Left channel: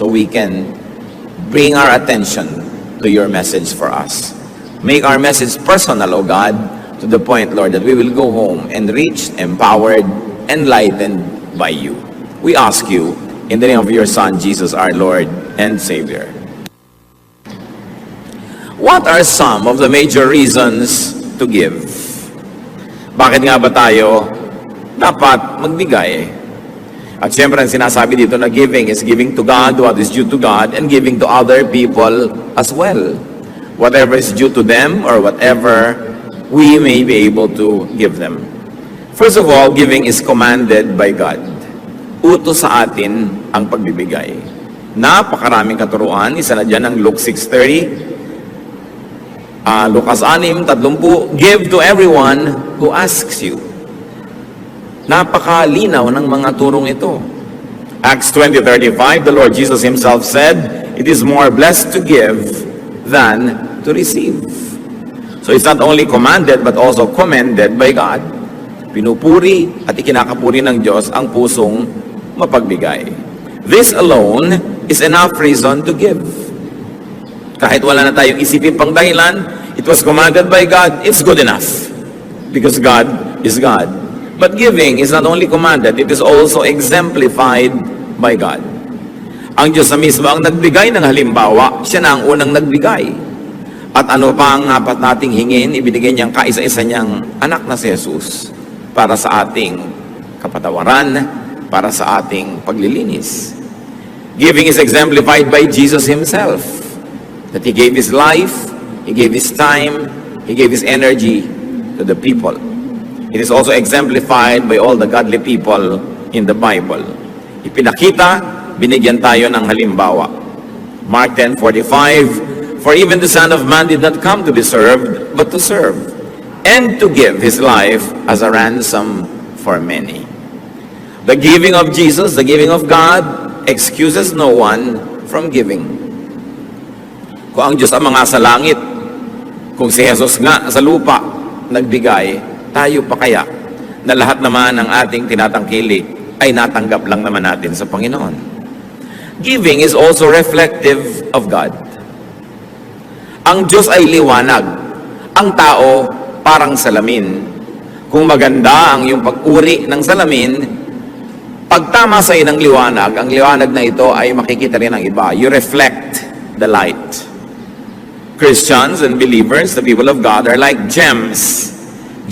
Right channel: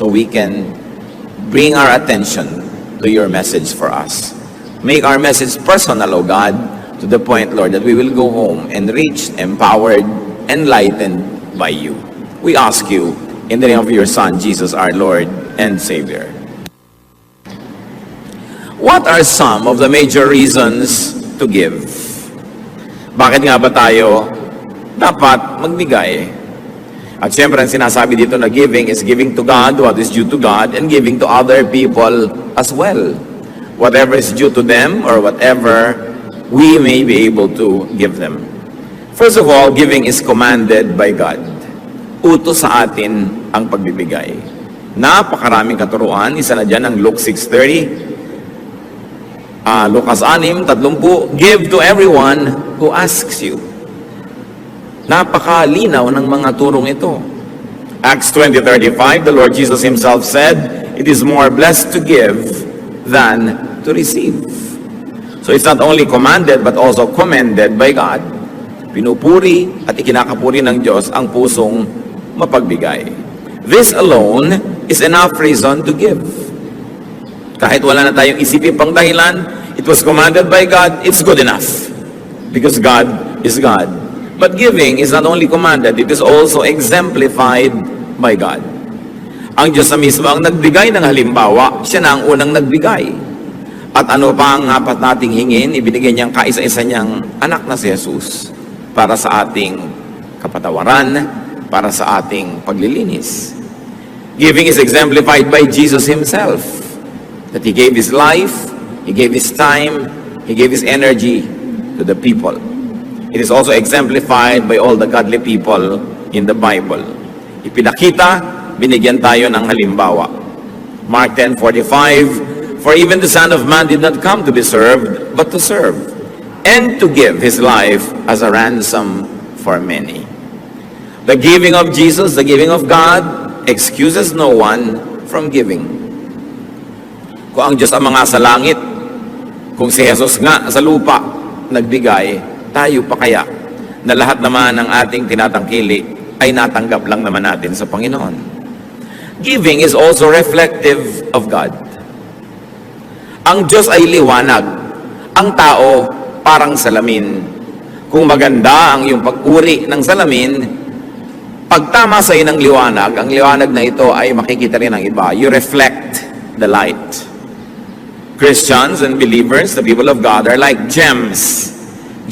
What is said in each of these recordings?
so we can bring our attention to your message for us. Make our message personal, O God, to the point, Lord, that we will go home enriched, empowered, enlightened by you. We ask you in the name of your Son, Jesus, our Lord and Savior. What are some of the major reasons to give? Bakit nga ba tayo dapat magbigay? At syempre, ang sinasabi dito na giving is giving to God what is due to God and giving to other people as well. Whatever is due to them or whatever we may be able to give them. First of all, giving is commanded by God. Utos sa atin ang pagbibigay. Napakaraming katuruan. Isa na dyan ang Luke 6:30. Lucas 6:30, give to everyone who asks you. Napakalinaw ng mga turong ito. Acts 20:35, the Lord Jesus himself said, it is more blessed to give than to receive. So it's not only commanded but also commended by God. Pinupuri at ikinakapuri ng Diyos ang pusong mapagbigay. This alone is enough reason to give. Kahit wala na tayong isipin pang dahilan, it was commanded by God, it's good enough. Because God is God. But giving is not only commanded, it is also exemplified by God. Ang Diyos na mismo ang nagbigay ng halimbawa, siya na ang unang nagbigay. At ano pa ang apat nating hingin, ibinigay niyang kaisa-isa niyang anak na si Jesus para sa ating kapatawaran, para sa ating paglilinis. Giving is exemplified by Jesus himself. That he gave his life, he gave his time, he gave his energy to the people. It is also exemplified by all the godly people in the Bible. Ipinakita, binigyan tayo ng halimbawa. Mark 10:45, for even the Son of Man did not come to be served, but to serve, and to give his life as a ransom for many. The giving of Jesus, the giving of God, excuses no one from giving. Kung ang Diyos ang mga sa langit, kung si Jesus nga sa lupa nagbigay, tayo pa kaya na lahat naman ng ating tinatangkili ay natanggap lang naman natin sa Panginoon. Giving is also reflective of God. Ang Diyos ay liwanag. Ang tao parang salamin. Kung maganda ang iyong pag-uri ng salamin, pag tama sa ng liwanag, ang liwanag na ito ay makikita rin ng iba. You reflect the light. Christians and believers, the people of God, are like gems.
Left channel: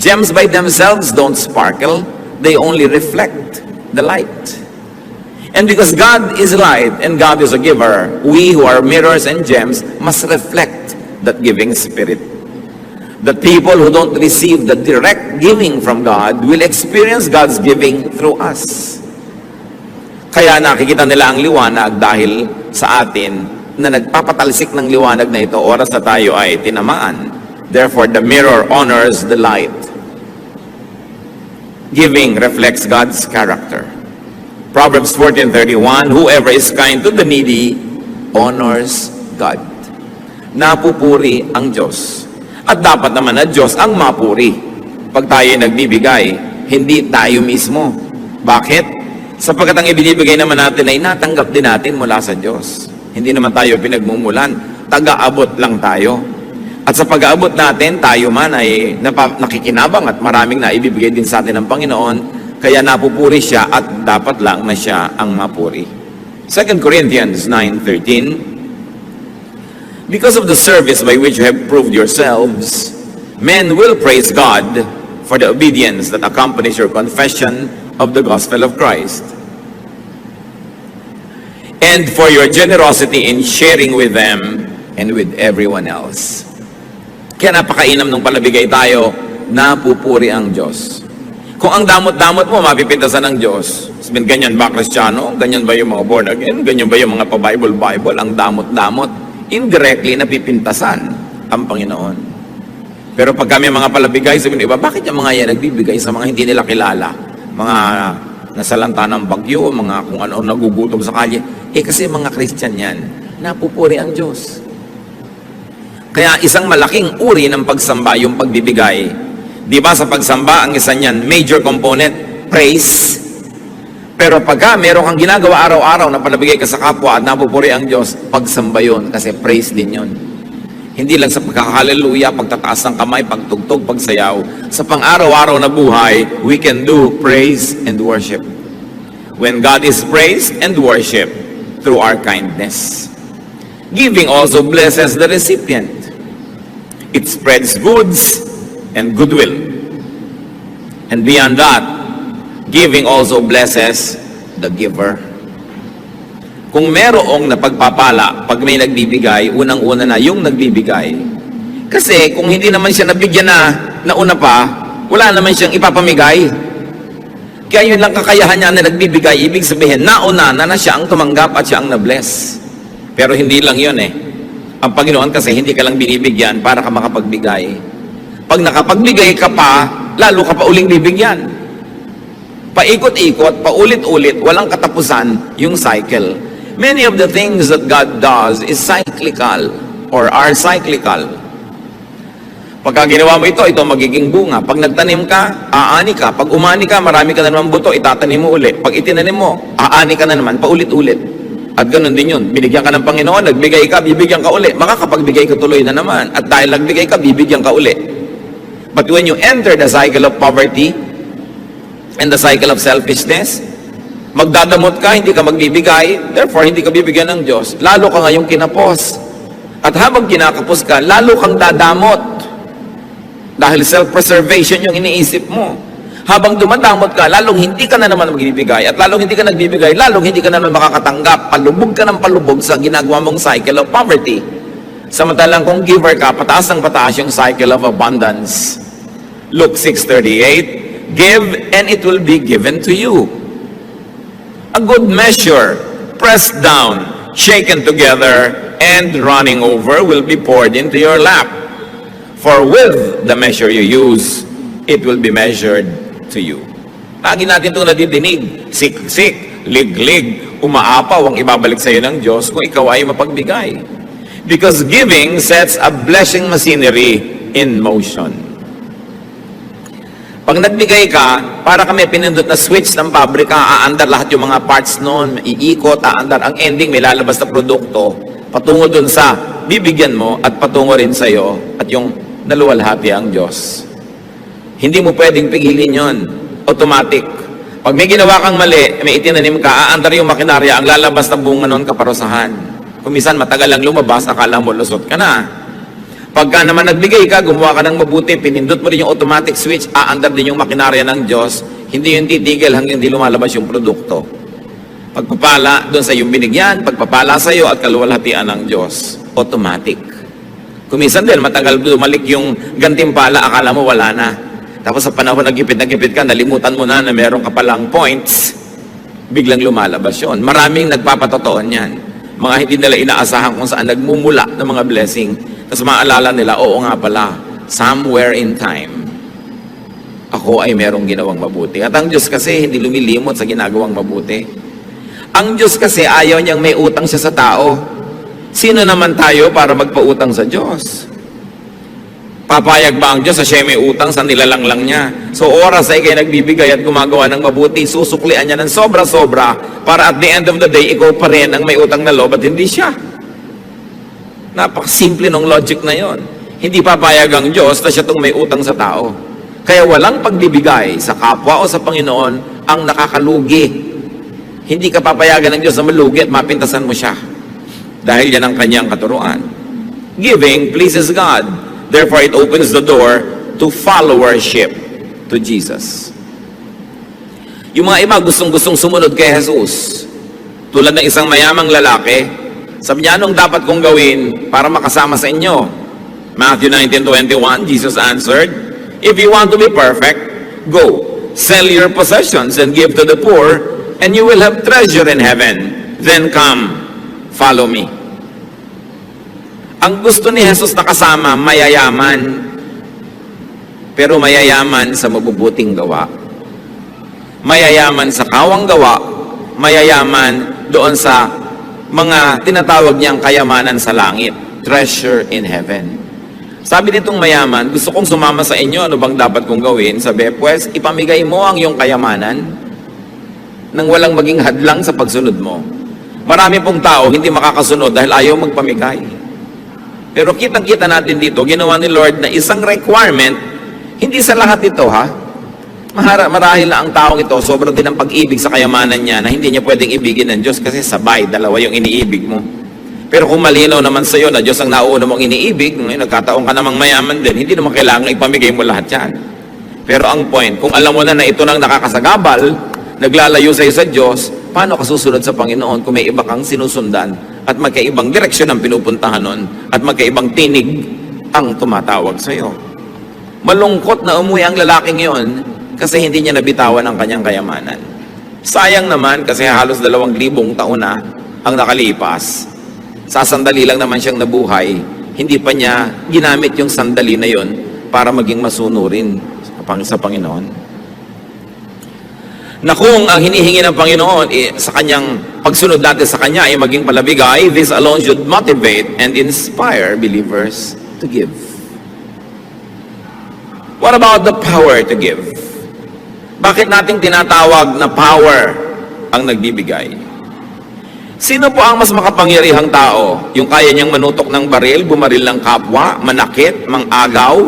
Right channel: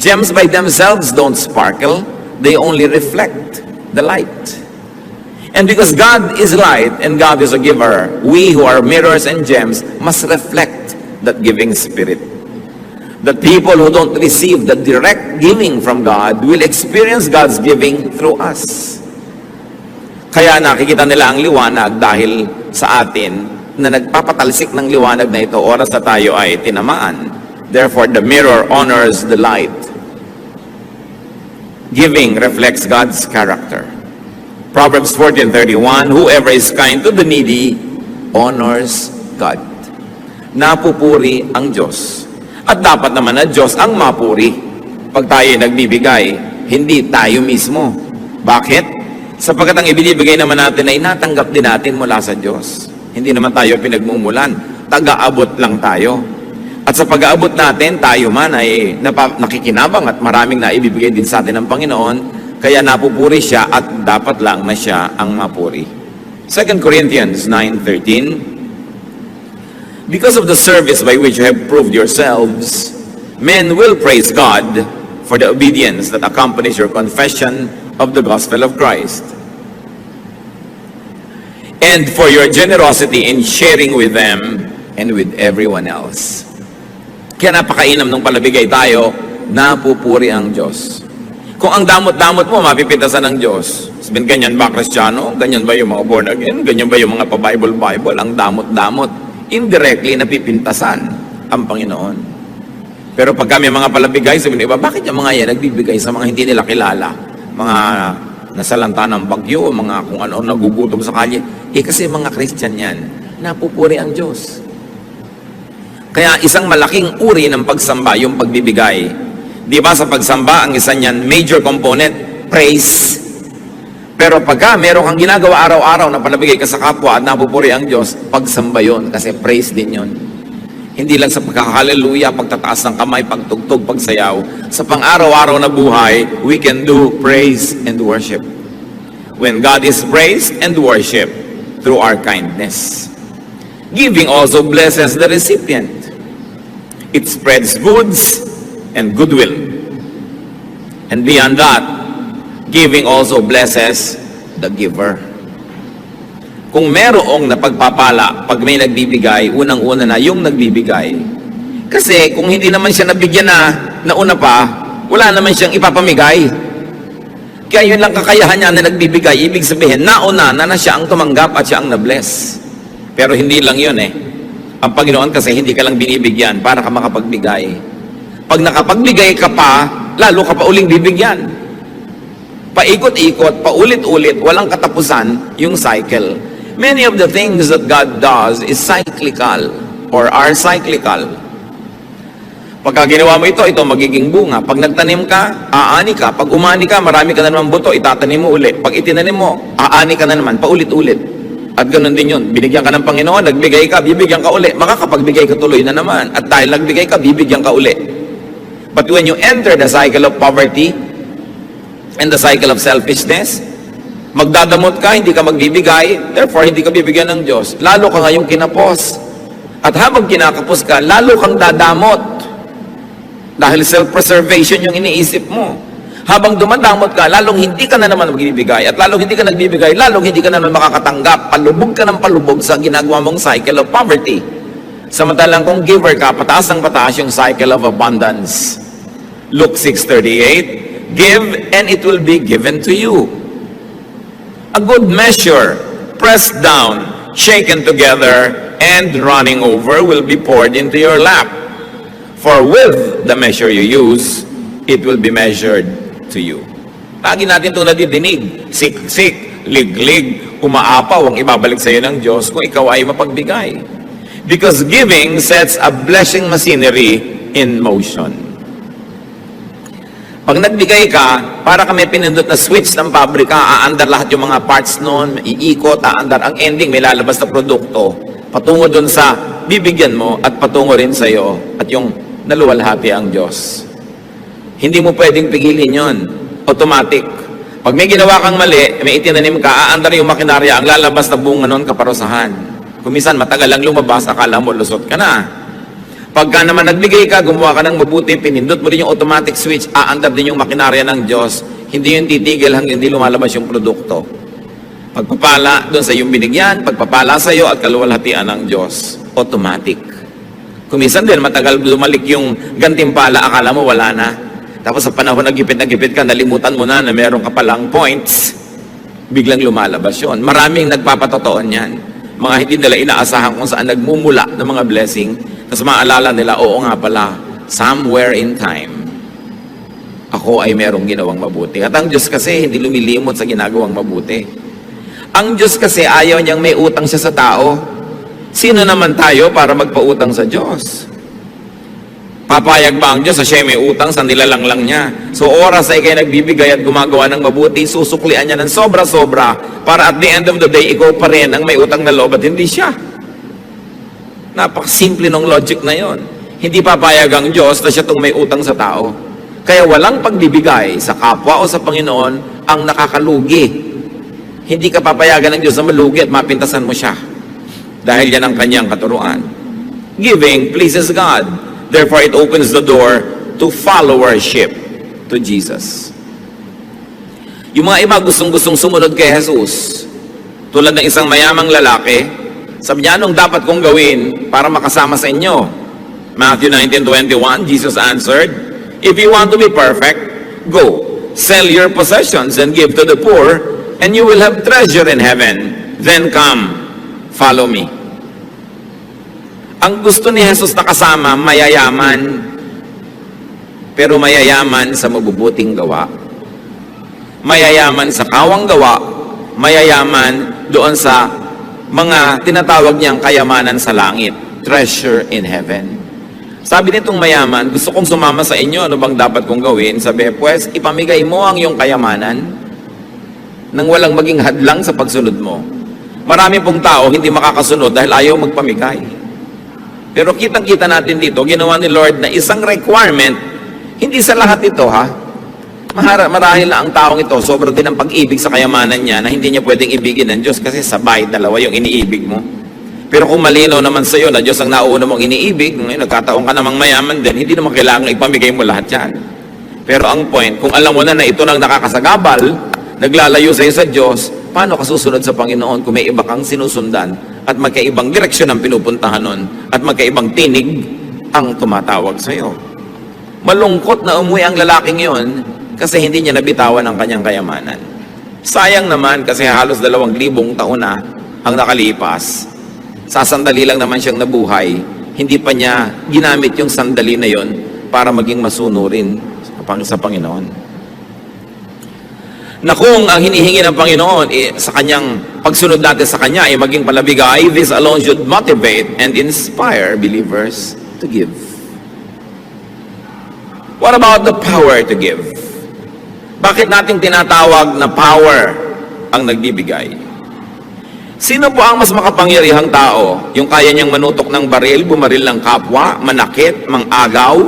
Gems by themselves don't sparkle. They only reflect the light. And because God is light and God is a giver, we who are mirrors and gems must reflect that giving spirit. The people who don't receive the direct giving from God will experience God's giving through us. Kaya nakikita nila ang liwanag dahil sa atin na nagpapatalsik ng liwanag na ito oras na tayo ay tinamaan. Therefore, the mirror honors the light. Giving reflects God's character. Proverbs 14:31, whoever is kind to the needy honors God. Napupuri ang Diyos. At dapat naman na Diyos ang mapuri. Pag tayo nagbibigay, hindi tayo mismo. Bakit? Sapagkat ang ibinibigay naman natin ay natanggap din natin mula sa Diyos. Hindi naman tayo pinagmumulan. Taga-abot lang tayo. At sa pag-aabot natin, tayo man ay nakikinabang at maraming naibibigay din sa atin ng Panginoon. Kaya napupuri siya at dapat lang na siya ang mapuri. 2 Corinthians 9:13, because of the service by which you have proved yourselves, men will praise God for the obedience that accompanies your confession of the gospel of Christ, and for your generosity in sharing with them and with everyone else. Kaya napakainam nung palabigay tayo, napupuri ang Diyos. Kung ang damot-damot mo, mapipintasan ng Diyos. Sabihin, ganyan ba Kristiyano? Ganyan ba yung mga born again? Ganyan ba yung mga pa-Bible? Ang damot-damot. Indirectly, napipintasan ang Panginoon. Pero pag kami mga palabigay, sabihin, iba, bakit yung mga yan nagbibigay sa mga hindi nila kilala? Mga nasalanta ng bagyo, mga kung ano nagugutom sa kalye. Kasi mga Christian yan, napupuri ang Diyos. Kaya isang malaking uri ng pagsamba, yung pagbibigay. Di ba sa pagsamba, ang isa niyan, major component, praise. Pero pagka meron kang ginagawa araw-araw na panabigay ka sa kapwa at napupuri ang Diyos, pagsamba yun, kasi praise din yun. Hindi lang sa pagkakahaleluya, pagtataas ng kamay, pagtugtog, pagsayaw. Sa pang-araw-araw na buhay, we can do praise and worship. When God is praised and worship through our kindness. Giving also blesses the recipient. It spreads goods and goodwill. And beyond that, giving also blesses the giver. Kung merong napagpapala, pag may nagbibigay, unang-una na yung nagbibigay. Kasi kung hindi naman siya nabigyan na una pa, wala naman siyang ipapamigay. Kaya yun lang kakayahan niya na nagbibigay, ibig sabihin, nauna na siya ang tumanggap at siya ang na-bless. Pero hindi lang yun eh. Ang Panginoon kasi hindi ka lang binibigyan para ka makapagbigay. Pag nakapagbigay ka pa, lalo ka pa uling bibigyan. Paikot-ikot, paulit-ulit, walang katapusan yung cycle. Many of the things that God does is cyclical or are cyclical. Pagka ginawa mo ito magiging bunga. Pag nagtanim ka, aani ka. Pag umani ka, marami ka na naman buto, itatanim mo ulit. Pag itinanim mo, aani ka na naman, paulit-ulit. At ganoon din yun. Binigyan ka ng Panginoon, nagbigay ka, bibigyan ka ulit. Makakapagbigay ka tuloy na naman. At dahil nagbigay ka, bibigyan ka ulit. But when you enter the cycle of poverty and the cycle of selfishness, magdadamot ka, hindi ka magbibigay, therefore hindi ka bibigyan ng Diyos. Lalo ka ngayong kinapos. At habang kinakapos ka, lalo kang dadamot. Dahil self-preservation yung iniisip mo. Habang dumadamot ka, lalong hindi ka na naman magbibigay. At lalong hindi ka nagbibigay, lalong hindi ka na naman makakatanggap. Palubog ka ng palubog sa ginagawa mong cycle of poverty. Samantalang kung giver ka, pataas ng pataas yung cycle of abundance. Luke 6:38, give and it will be given to you. A good measure, pressed down, shaken together, and running over will be poured into your lap. For with the measure you use, it will be measured to you. Lagi natin ito nadidinig. Sik-sik, lig-lig, umaapaw ang ibabalik sa iyo ng Diyos kung ikaw ay mapagbigay. Because giving sets a blessing machinery in motion. Pag nagbigay ka, para ka may pinindot na switch ng pabrika, aandar lahat yung mga parts noon, iikot, aandar ang ending, may lalabas na produkto. Patungo dun sa bibigyan mo at patungo rin sa iyo at yung naluwalhati ang Diyos. Hindi mo pwedeng pigilin yon. Automatic. Pag may ginawa kang mali, may itinanim ka, aandar yung makinarya, ang lalabas na bunga noon kaparusahan. Kung minsan matagal lang lumabas, akala mo lusot ka na. Pagka naman nagbigay ka, gumawa ka ng mabuti, pinindot mo rin yung automatic switch, aandar din yung makinarya ng Diyos, hindi yung titigil hanggang hindi lumalabas yung produkto. Pagpapala doon sa iyong binigyan, pagpapala sa iyo at kaluwalhatian ng Diyos, automatic. Kung minsan din, matagal lumalik yung gantimpala, akala mo wala na. Tapos sa panahon na gipit ka, nalimutan mo na meron ka palang points, biglang lumalabas yun. Maraming nagpapatotoon yan. Mga hindi nila inaasahan kung saan nagmumula ng mga blessing. Tapos maalala nila, oo nga pala, somewhere in time, ako ay merong ginawang mabuti. At ang Diyos kasi hindi lumilimot sa ginagawang mabuti. Ang Diyos kasi ayaw niyang may utang siya sa tao. Sino naman tayo para magpautang sa Diyos? Papayag ba ang Diyos sa siya may utang sa nilalanglang niya? So oras ay kayo nagbibigay at gumagawa ng mabuti, susuklian niya ng sobra-sobra para at the end of the day, ikaw pa rin ang may utang na loob at hindi siya. Napakasimple ng logic na yon. Hindi papayag ang Diyos na siya itong may utang sa tao. Kaya walang pagbibigay sa kapwa o sa Panginoon ang nakakalugi. Hindi ka papayagan ng Diyos na malugi at mapintasan mo siya. Dahil yan ang kanyang katuruan. Giving pleases God. Therefore, it opens the door to followership to Jesus. Yung mga iba gustong-gustong sumunod kay Jesus. Tulad ng isang mayamang lalaki, sabi niya, anong dapat kong gawin para makasama sa inyo? Matthew 19:21, Jesus answered, if you want to be perfect, go, sell your possessions and give to the poor, and you will have treasure in heaven. Then come, follow me. Ang gusto ni Jesus na kasama, mayayaman. Pero mayayaman sa mabubuting gawa. Mayayaman sa kawang gawa. Mayayaman doon sa mga tinatawag niyang kayamanan sa langit. Treasure in heaven. Sabi nitong mayaman, gusto kong sumama sa inyo, ano bang dapat kong gawin? Sabi, pues, ipamigay mo ang iyong kayamanan. nang walang maging hadlang sa pagsunod mo. Marami pong tao hindi makakasunod dahil ayaw magpamigay. Pero kitang-kita natin dito, ginawa ni Lord na isang requirement, hindi sa lahat ito ha. Marahil na ang taong ito, sobrang din ang pag-ibig sa kayamanan niya na hindi niya pwedeng ibigin ng Diyos kasi sabay, dalawa yung iniibig mo. Pero kung malinaw naman sa iyo na Diyos ang nauna mong iniibig, ngayon nagkataon ka namang mayaman din, hindi naman kailangan ipamigay mo lahat yan. Pero ang point, kung alam mo na ito nang nakakasagabal, naglalayo sa iyo sa Diyos, paano ka susunod sa Panginoon kung may iba kang sinusundan at magkaibang direksyon ang pinupuntahan nun at magkaibang tinig ang tumatawag sa iyo? Malungkot na umuwi ang lalaking yon kasi hindi niya nabitawan ang kanyang kayamanan. Sayang naman kasi halos 2,000 taon na ang nakalipas. Sasandali lang naman siyang nabuhay. Hindi pa niya ginamit yung sandali na yon para maging masunurin sa Panginoon. Na kung ang hinihingi ng Panginoon sa kanyang pagsunod natin sa Kanya ay maging palabigay, this alone should motivate and inspire believers to give. What about the power to give? Bakit natin tinatawag na power ang nagbibigay? Sino po ang mas makapangyarihang tao? Yung kaya niyang manutok ng baril, bumaril ng kapwa, manakit, mangagaw,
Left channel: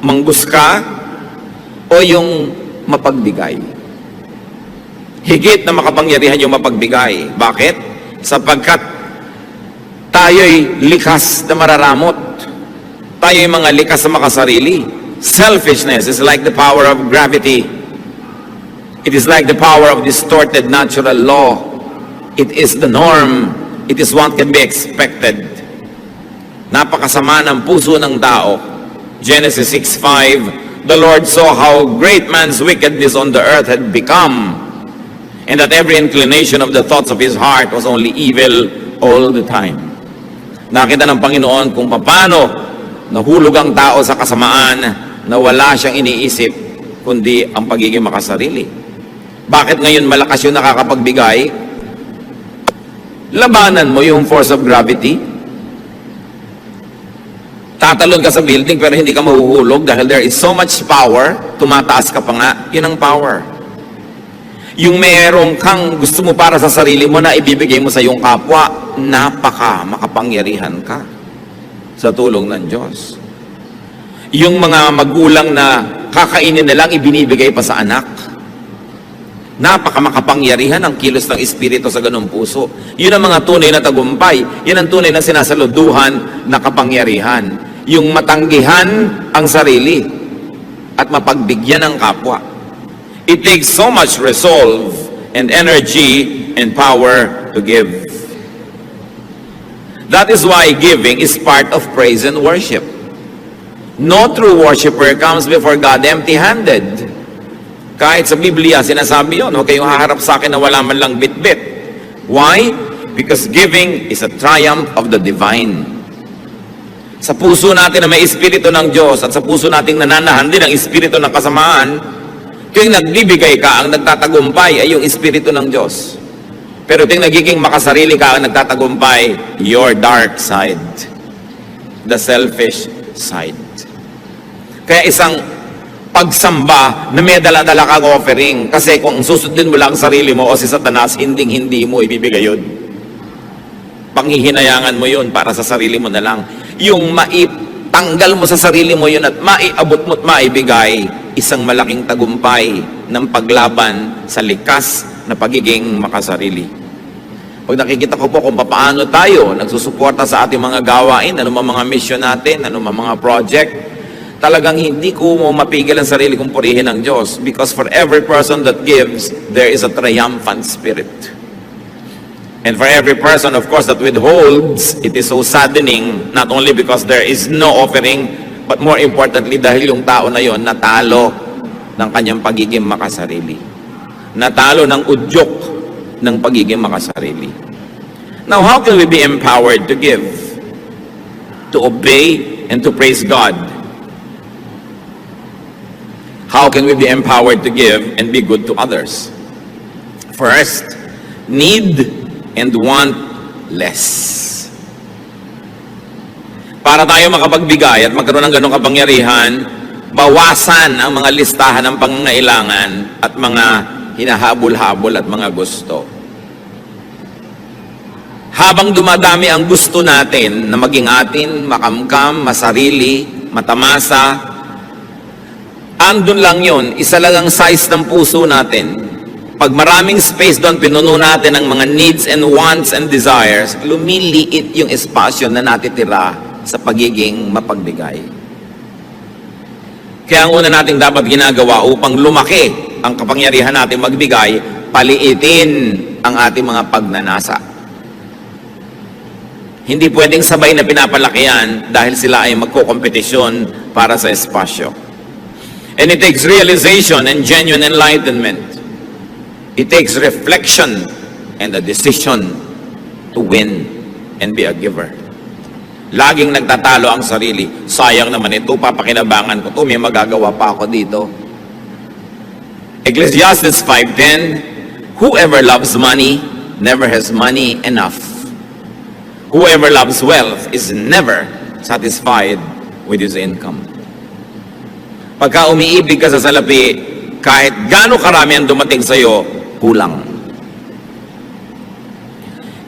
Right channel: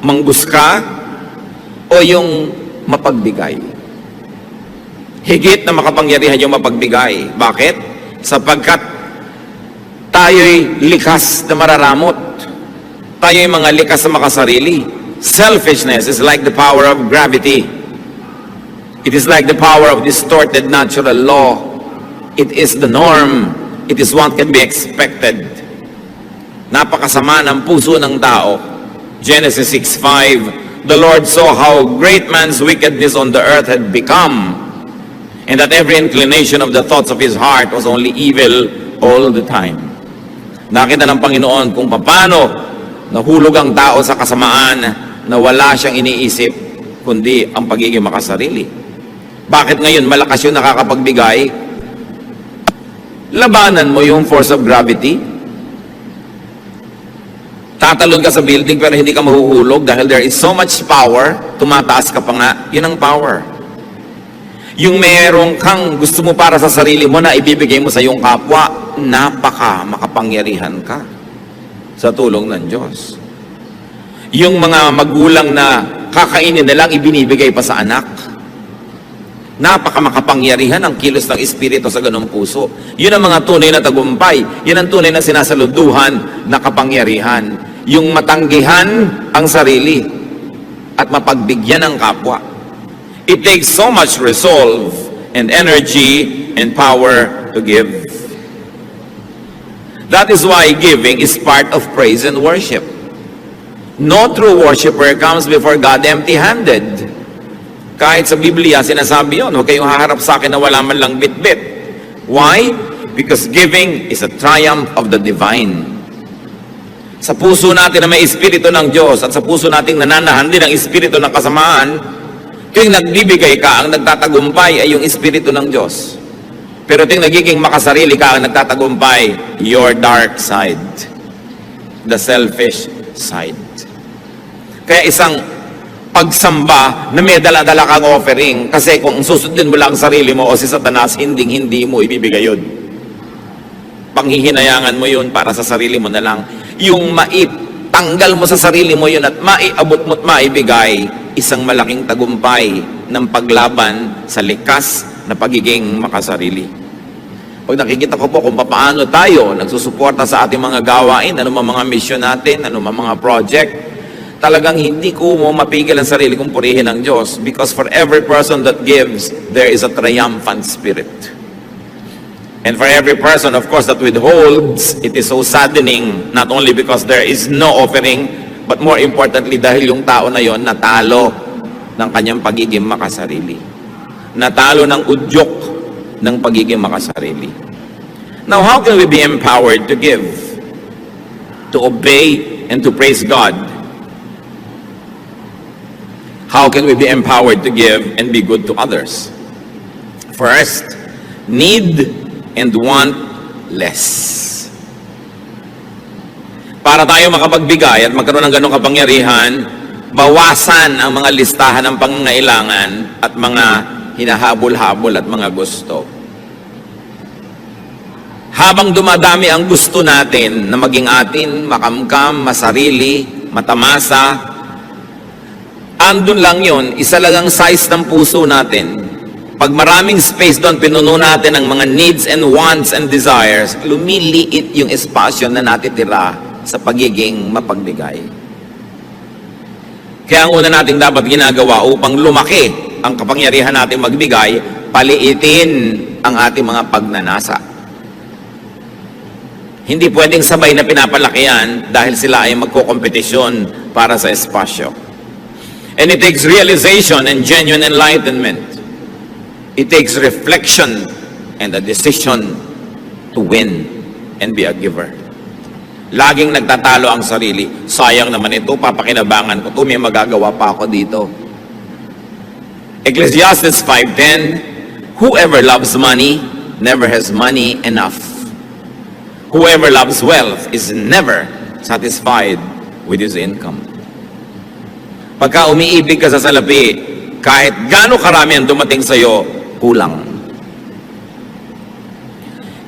mangbuska, o yung mapagbigay? Higit na makapangyarihan yung mapagbigay. Bakit? Sapagkat tayo'y likas na mararamot. Tayo'y mga likas na makasarili. Selfishness is like the power of gravity. It is like the power of distorted natural law. It is the norm. It is what can be expected. Napakasama ng puso ng tao. Genesis 6:5, the Lord saw how great man's wickedness on the earth had become, and that every inclination of the thoughts of his heart was only evil all the time. Nakita ng Panginoon kung paano nahulog ang tao sa kasamaan na wala siyang iniisip kundi ang pagiging makasarili. Bakit ngayon malakas yung nakakapagbigay? Labanan mo yung force of gravity. Tatalon ka sa building pero hindi ka mahuhulog dahil there is so much power, tumataas ka pa nga, yun ang power. Yung mayroong kang gusto mo para sa sarili mo na ibibigay mo sa iyong kapwa, makapangyarihan ka sa tulong ng Diyos. Yung mga magulang na kakainin na lang ibinibigay pa sa anak, makapangyarihan ang kilos ng Espiritu sa ganung puso. Yun ang mga tunay na tagumpay. Yun ang tunay na sinasaluduhan na kapangyarihan. Yung matanggihan ang sarili at mapagbigyan ang kapwa. It takes so much resolve and energy and power to give. That is why giving is part of praise and worship. No true worshiper comes before God empty-handed. Kahit sa Biblia, sinasabi yun, huwag kayong haharap sa akin na wala man lang bit-bit. Why? Because giving is a triumph of the divine. Sa puso natin na may Espiritu ng Diyos at sa puso nating nananahan din ang Espiritu ng kasamaan, yung nagbibigay ka, ang nagtatagumpay ay yung Espiritu ng Diyos. Pero yung nagiging makasarili ka, ang nagtatagumpay, your dark side. The selfish side. Kaya isang pagsamba na may dala-dala kang offering. Kasi kung susundin mo lang sarili mo o si Satanas, hindi mo ibibigay yun. Panghihinayangan mo yun para sa sarili mo na lang. Yung maitanggal mo sa sarili mo yun at maiabot mo at maibigay, isang malaking tagumpay ng paglaban sa likas na pagiging makasarili. Pag nakikita ko po kung paano tayo nagsusuporta sa ating mga gawain, anumang mga mission natin, anumang mga project, talagang hindi ko mo mapigil ang sarili kong purihin ng Diyos, because for every person that gives, there is a triumphant spirit. And for every person, of course, that withholds, it is so saddening, not only because there is no offering, but more importantly, dahil yung tao na yon natalo ng kanyang pagiging makasarili. Natalo ng udyok ng pagiging makasarili. Now, how can we be empowered to give? To obey and to praise God? How can we be empowered to give and be good to others? First, need and want less. Para tayo makapagbigay at magkaroon ng ganong kapangyarihan, bawasan ang mga listahan ng pangangailangan at mga hinahabol-habol at mga gusto. Habang dumadami ang gusto natin na maging atin, makamkam, masarili, matamasa, andun lang yon, isa lang ang size ng puso natin. Pag maraming space doon, pinuno natin ang mga needs and wants and desires, lumiliit yung espasyo na natitira sa pagiging mapagbigay. Kaya ang una nating dapat ginagawa upang lumaki ang kapangyarihan natin magbigay, paliitin ang ating mga pagnanasa. Hindi pwedeng sabay na pinapalaki yan dahil sila ay magkokompetisyon para sa espasyo. And it takes realization and genuine enlightenment. It takes reflection and a decision to win and be a giver. Laging nagtatalo ang sarili. Sayang naman ito, papakinabangan ko ito, may magagawa pa ako dito. Ecclesiastes 5:10, whoever loves money never has money enough. Whoever loves wealth is never satisfied with his income. Pagka umiibig ka sa salapi, kahit gaano karami ang dumating sa'yo, kulang.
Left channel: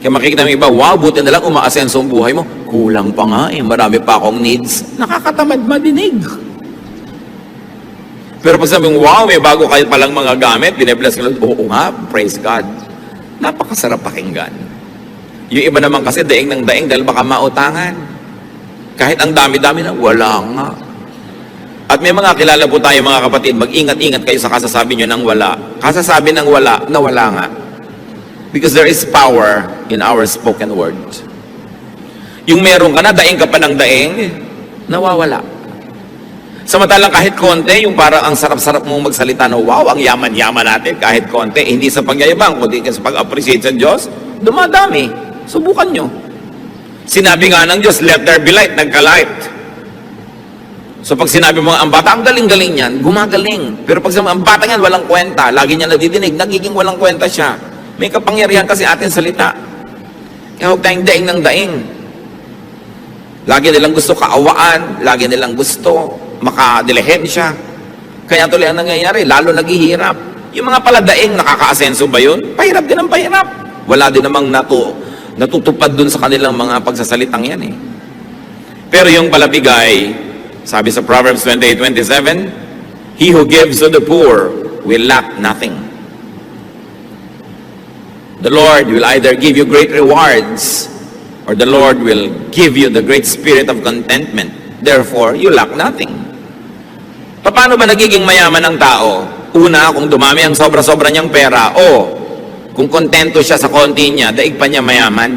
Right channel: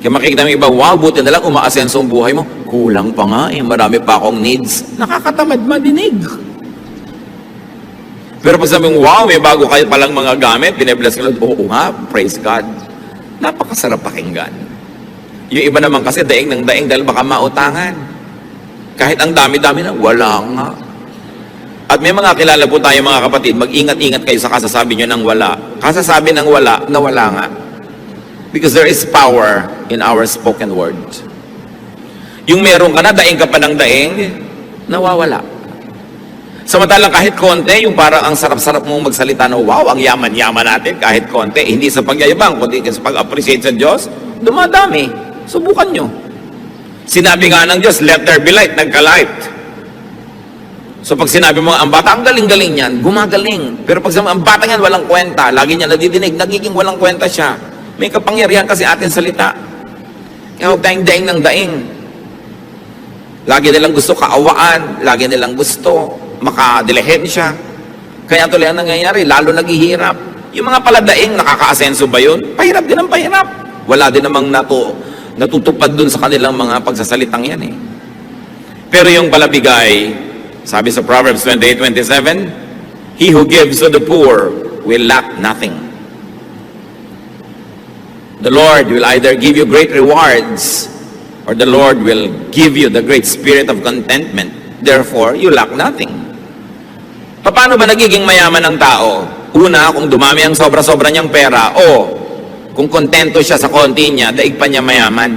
Kaya makikita ng iba, wow, buti na lang umaasenso ang buhay mo. Kulang pa nga eh, marami pa akong needs. Nakakatamad madinig. Pero pag sabi mo, wow, may bago kayo palang mga gamit, binibless ka lang, oo nga, praise God. Napakasarap pakinggan. Yung iba naman kasi daing ng daing dahil baka mautangan. Kahit ang dami-dami na, wala nga. At may mga kilala po tayo mga kapatid, mag-ingat-ingat kayo sa kasasabi nyo ng wala. Kasasabi ng wala, na wala nga. Because there is power in our spoken word. Yung meron ka na, daing ka pa ng daing, nawawala. Samantalang kahit konti, yung parang ang sarap-sarap mong magsalita na, wow, ang yaman-yaman natin, kahit konti, hindi sa pagyayabang, kundi sa pag-appreciate sa Diyos, dumadami. Subukan nyo. Sinabi nga ng Diyos, let there be light, nagka-light. So pag sinabi mo, ang bata, ang galing-galing yan, gumagaling. Pero pag sinabi, ang bata yan, walang kwenta, lagi niya nadidinig, nagiging walang kwenta siya. May kapangyarihan kasi ating salita. Kaya huwag tayong daing ng daing. Lagi nilang gusto kaawaan, lagi nilang gusto makadilehensya. Kaya tuloy ang nangyayari, lalo naghihirap. Yung mga paladaing, nakaka-asenso ba yun? Pahirap din ang pahirap. Wala din namang natutupad dun sa kanilang mga pagsasalitang yan eh. Pero yung palabigay, sabi sa Proverbs 28:27, he who gives to the poor will lack nothing. The Lord will either give you great rewards or the Lord will give you the great spirit of contentment. Therefore, you lack nothing. Paano ba nagiging mayaman ang tao? Una, kung dumami ang sobra-sobra niyang pera, o kung kontento siya sa konti niya, daig pa niya mayaman.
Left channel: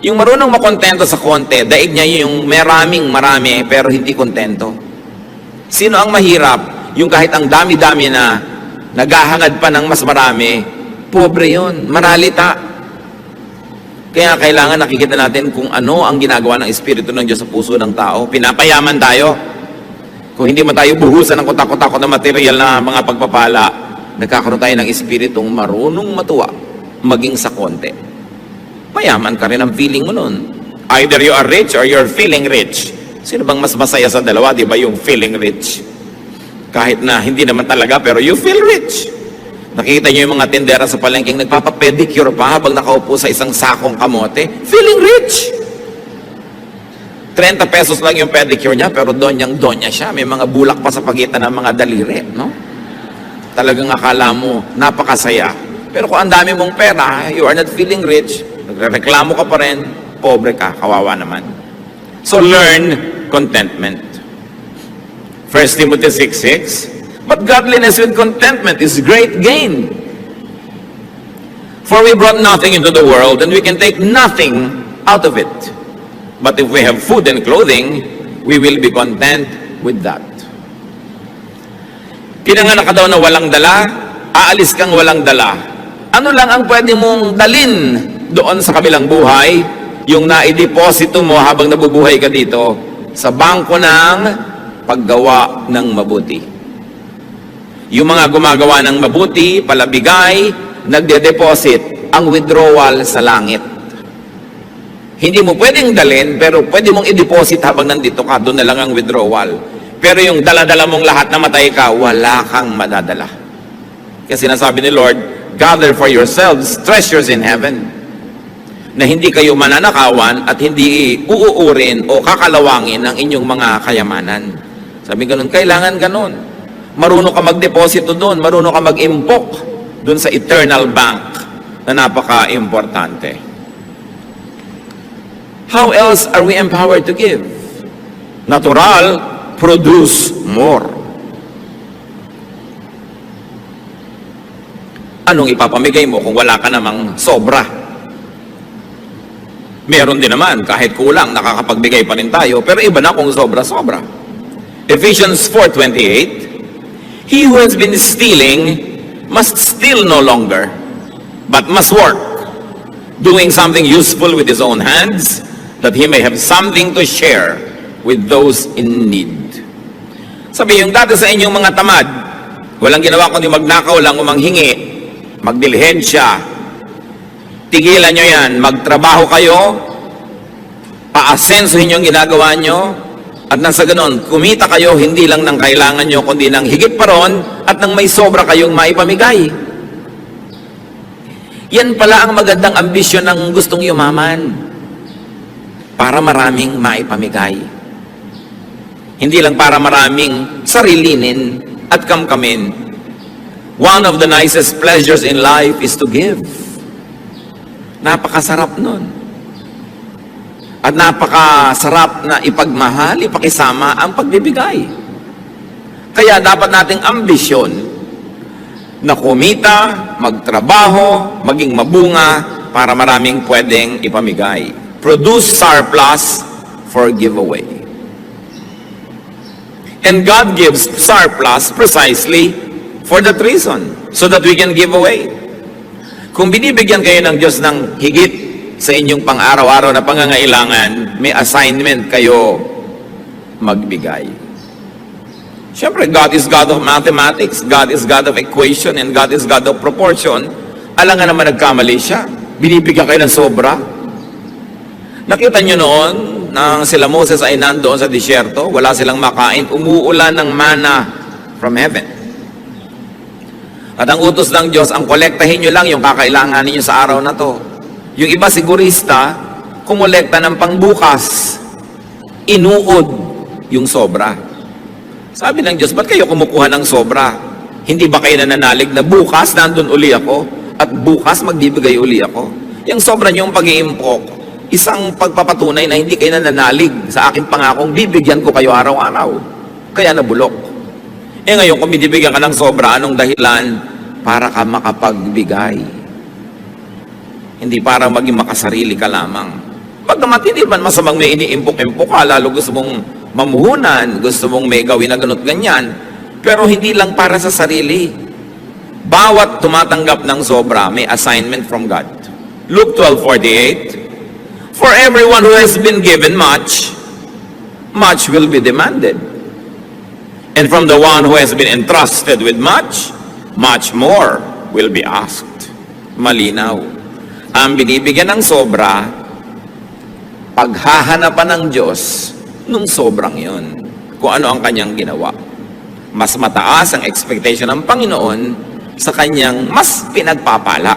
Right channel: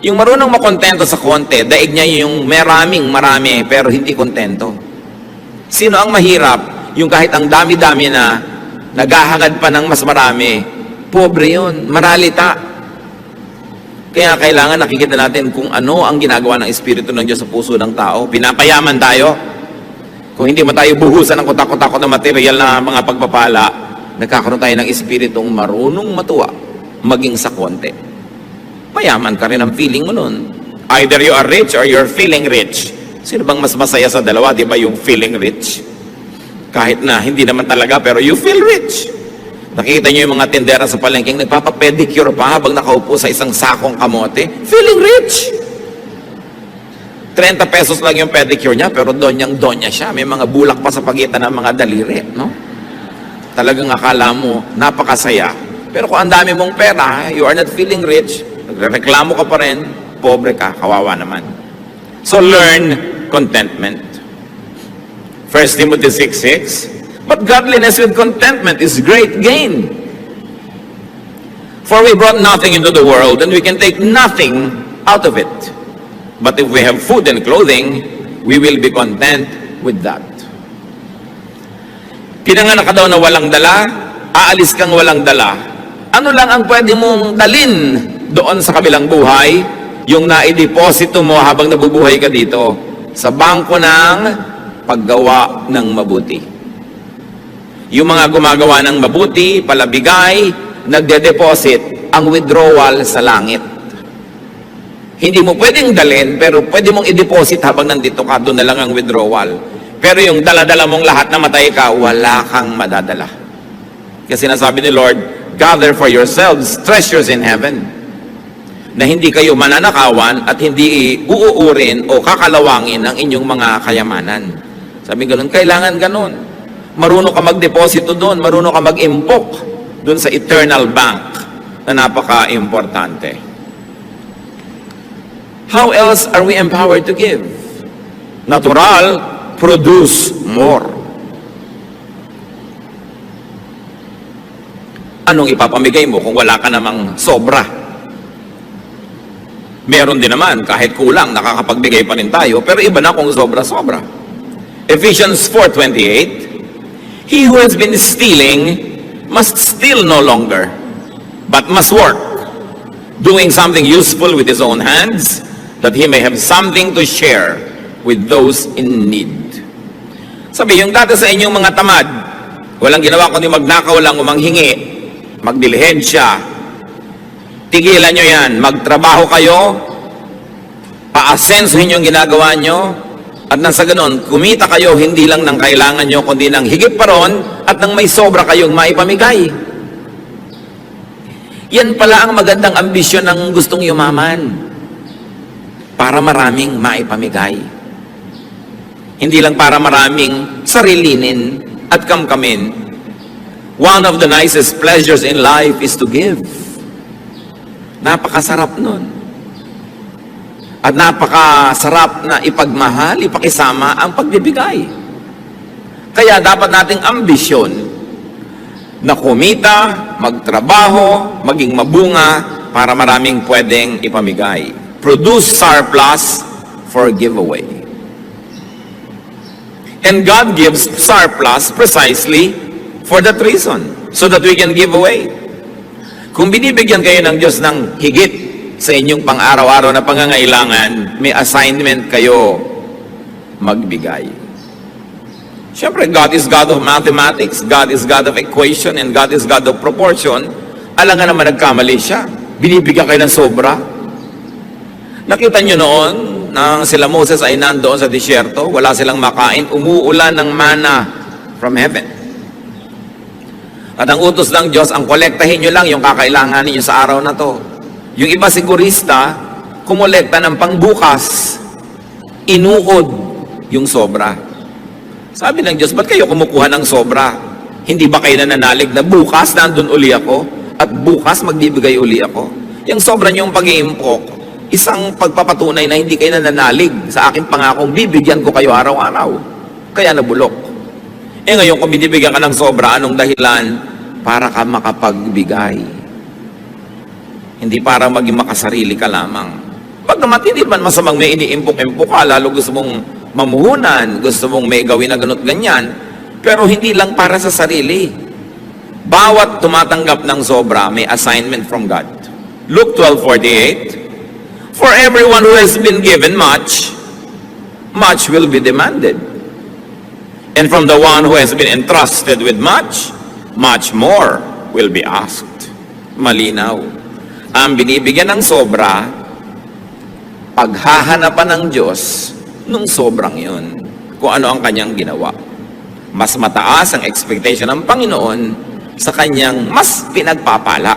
Yung marunong makontento sa konti, daig niya yung marami, pero hindi kontento. Sino ang mahirap? Yung kahit ang dami-dami na naghahangad pa ng mas marami, pobre yun, maralita. Kaya kailangan nakikita natin kung ano ang ginagawa ng Espiritu ng Diyos sa puso ng tao. Pinapayaman tayo. Kung hindi man tayo buhusan ng kutak-kutak na material na mga pagpapala, nagkakaroon tayo ng espiritong marunong matuwa, maging sa konti. Mayaman ka rin ang feeling mo nun. Either you are rich or you're feeling rich. Sino bang mas masaya sa dalawa? Di ba yung feeling rich? Kahit na hindi naman talaga, pero you feel rich. Nakikita niyo yung mga tindera sa palengking, nagpapapedicure pa habang nakaupo sa isang sakong kamote. Feeling rich! 30 pesos lang yung pedicure niya, pero donyang-donya siya. May mga bulak pa sa pagitan ng mga daliri, no? Talagang akala mo, napakasaya. Pero kung ang dami mong pera, you are not feeling rich, nagreklamo ka pa rin, pobre ka, kawawa naman. So learn contentment. 1 Timothy 6:6, but godliness with contentment is great gain. For we brought nothing into the world, and we can take nothing out of it. But if we have food and clothing, we will be content with that. Pinanganak ka daw na walang dala, aalis kang walang dala. Ano lang ang pwede mong dalin doon sa kabilang buhay? Yung naideposito mo habang nabubuhay ka dito sa bangko ng paggawa ng mabuti. Yung mga gumagawa ng mabuti, palabigay, nagde-deposit ang withdrawal sa langit. Hindi mo pwedeng dalin, pero pwede mong i-deposit habang nandito ka, doon na lang ang withdrawal. Pero yung dala-dala mong lahat na matay ka, wala kang madadala. Kasi sinasabi ni Lord, gather for yourselves treasures in heaven, na hindi kayo mananakawan at hindi uuurin o kakalawangin ang inyong mga kayamanan. Sabi ganun, kailangan ganun. Marunong ka magdeposito doon, marunong ka mag-impok doon sa eternal bank na napaka-importante. How else are we empowered to give? Natural, produce more. Anong ipapamigay mo kung wala ka namang sobra? Meron din naman, kahit kulang, nakakapagbigay pa rin tayo, pero iba na kung sobra-sobra. Ephesians 4:28, he who has been stealing must steal no longer, but must work, doing something useful with his own hands, that he may have something to share with those in need. Sabi, yung dati sa inyong mga tamad, walang ginawa kundi magnakaw lang o manghingi, magdilihensya, tigilan nyo yan, magtrabaho kayo, paasensuhin yung ginagawa nyo, at nang sa ganon, kumita kayo hindi lang ng kailangan nyo, kundi ng higit pa ron, at nang may sobra kayong maipamigay. Yan pala ang magandang ambisyon ng gustong yumaman, para maraming maipamigay. Hindi lang para maraming sarilinin at kamkamin. One of the nicest pleasures in life is to give. Napakasarap nun. At napakasarap na ipagmahal, ipakisama ang pagbibigay. Kaya dapat nating ambisyon na kumita, magtrabaho, maging mabunga para maraming pwedeng ipamigay. Produce surplus for giveaway. And God gives surplus precisely for that reason, so that we can give away. Kung binibigyan kayo ng Diyos ng higit sa inyong pang-araw-araw na pangangailangan, may assignment kayo magbigay. Siyempre, God is God of mathematics, God is God of equation, and God is God of proportion. Alam nga naman nagkamali siya. Binibigyan kayo ng sobra. Nakita nyo noon, nang sila Moses ay nandoon sa disyerto, wala silang makain, umuulan ng mana from heaven. At ang utos ng Diyos, ang kolektahin nyo lang yung kakailangan ninyo sa araw na to. Yung iba sigurista, kumolekta ng pangbukas, inuod yung sobra. Sabi ng Diyos, ba't kayo kumukuha ng sobra? Hindi ba kayo nananalig na bukas nandun uli ako? At bukas magbibigay uli ako? Yung sobra niyong pag-iimpok, isang pagpapatunay na hindi kayo nananalig sa aking pangakong bibigyan ko kayo araw-araw. Kaya nabulok. Ngayon, kung binibigyan ka ng sobra, anong dahilan? Para ka makapagbigay. Hindi para maging makasarili ka lamang. Pagkamat, hindi man masamang may iniimpok-impok ka, lalo gusto mong mamuhunan, gusto mong may gawin na ganot ganyan, pero hindi lang para sa sarili. Bawat tumatanggap ng sobra, may assignment from God. Luke 12:48, for everyone who has been given much, much will be demanded. And from the one who has been entrusted with much, much more will be asked. Malinaw. Ang binibigyan ng sobra, paghahanapan ng Diyos nung sobrang yon, kung ano ang kanyang ginawa. Mas mataas ang expectation ng Panginoon sa kanyang mas pinagpapala.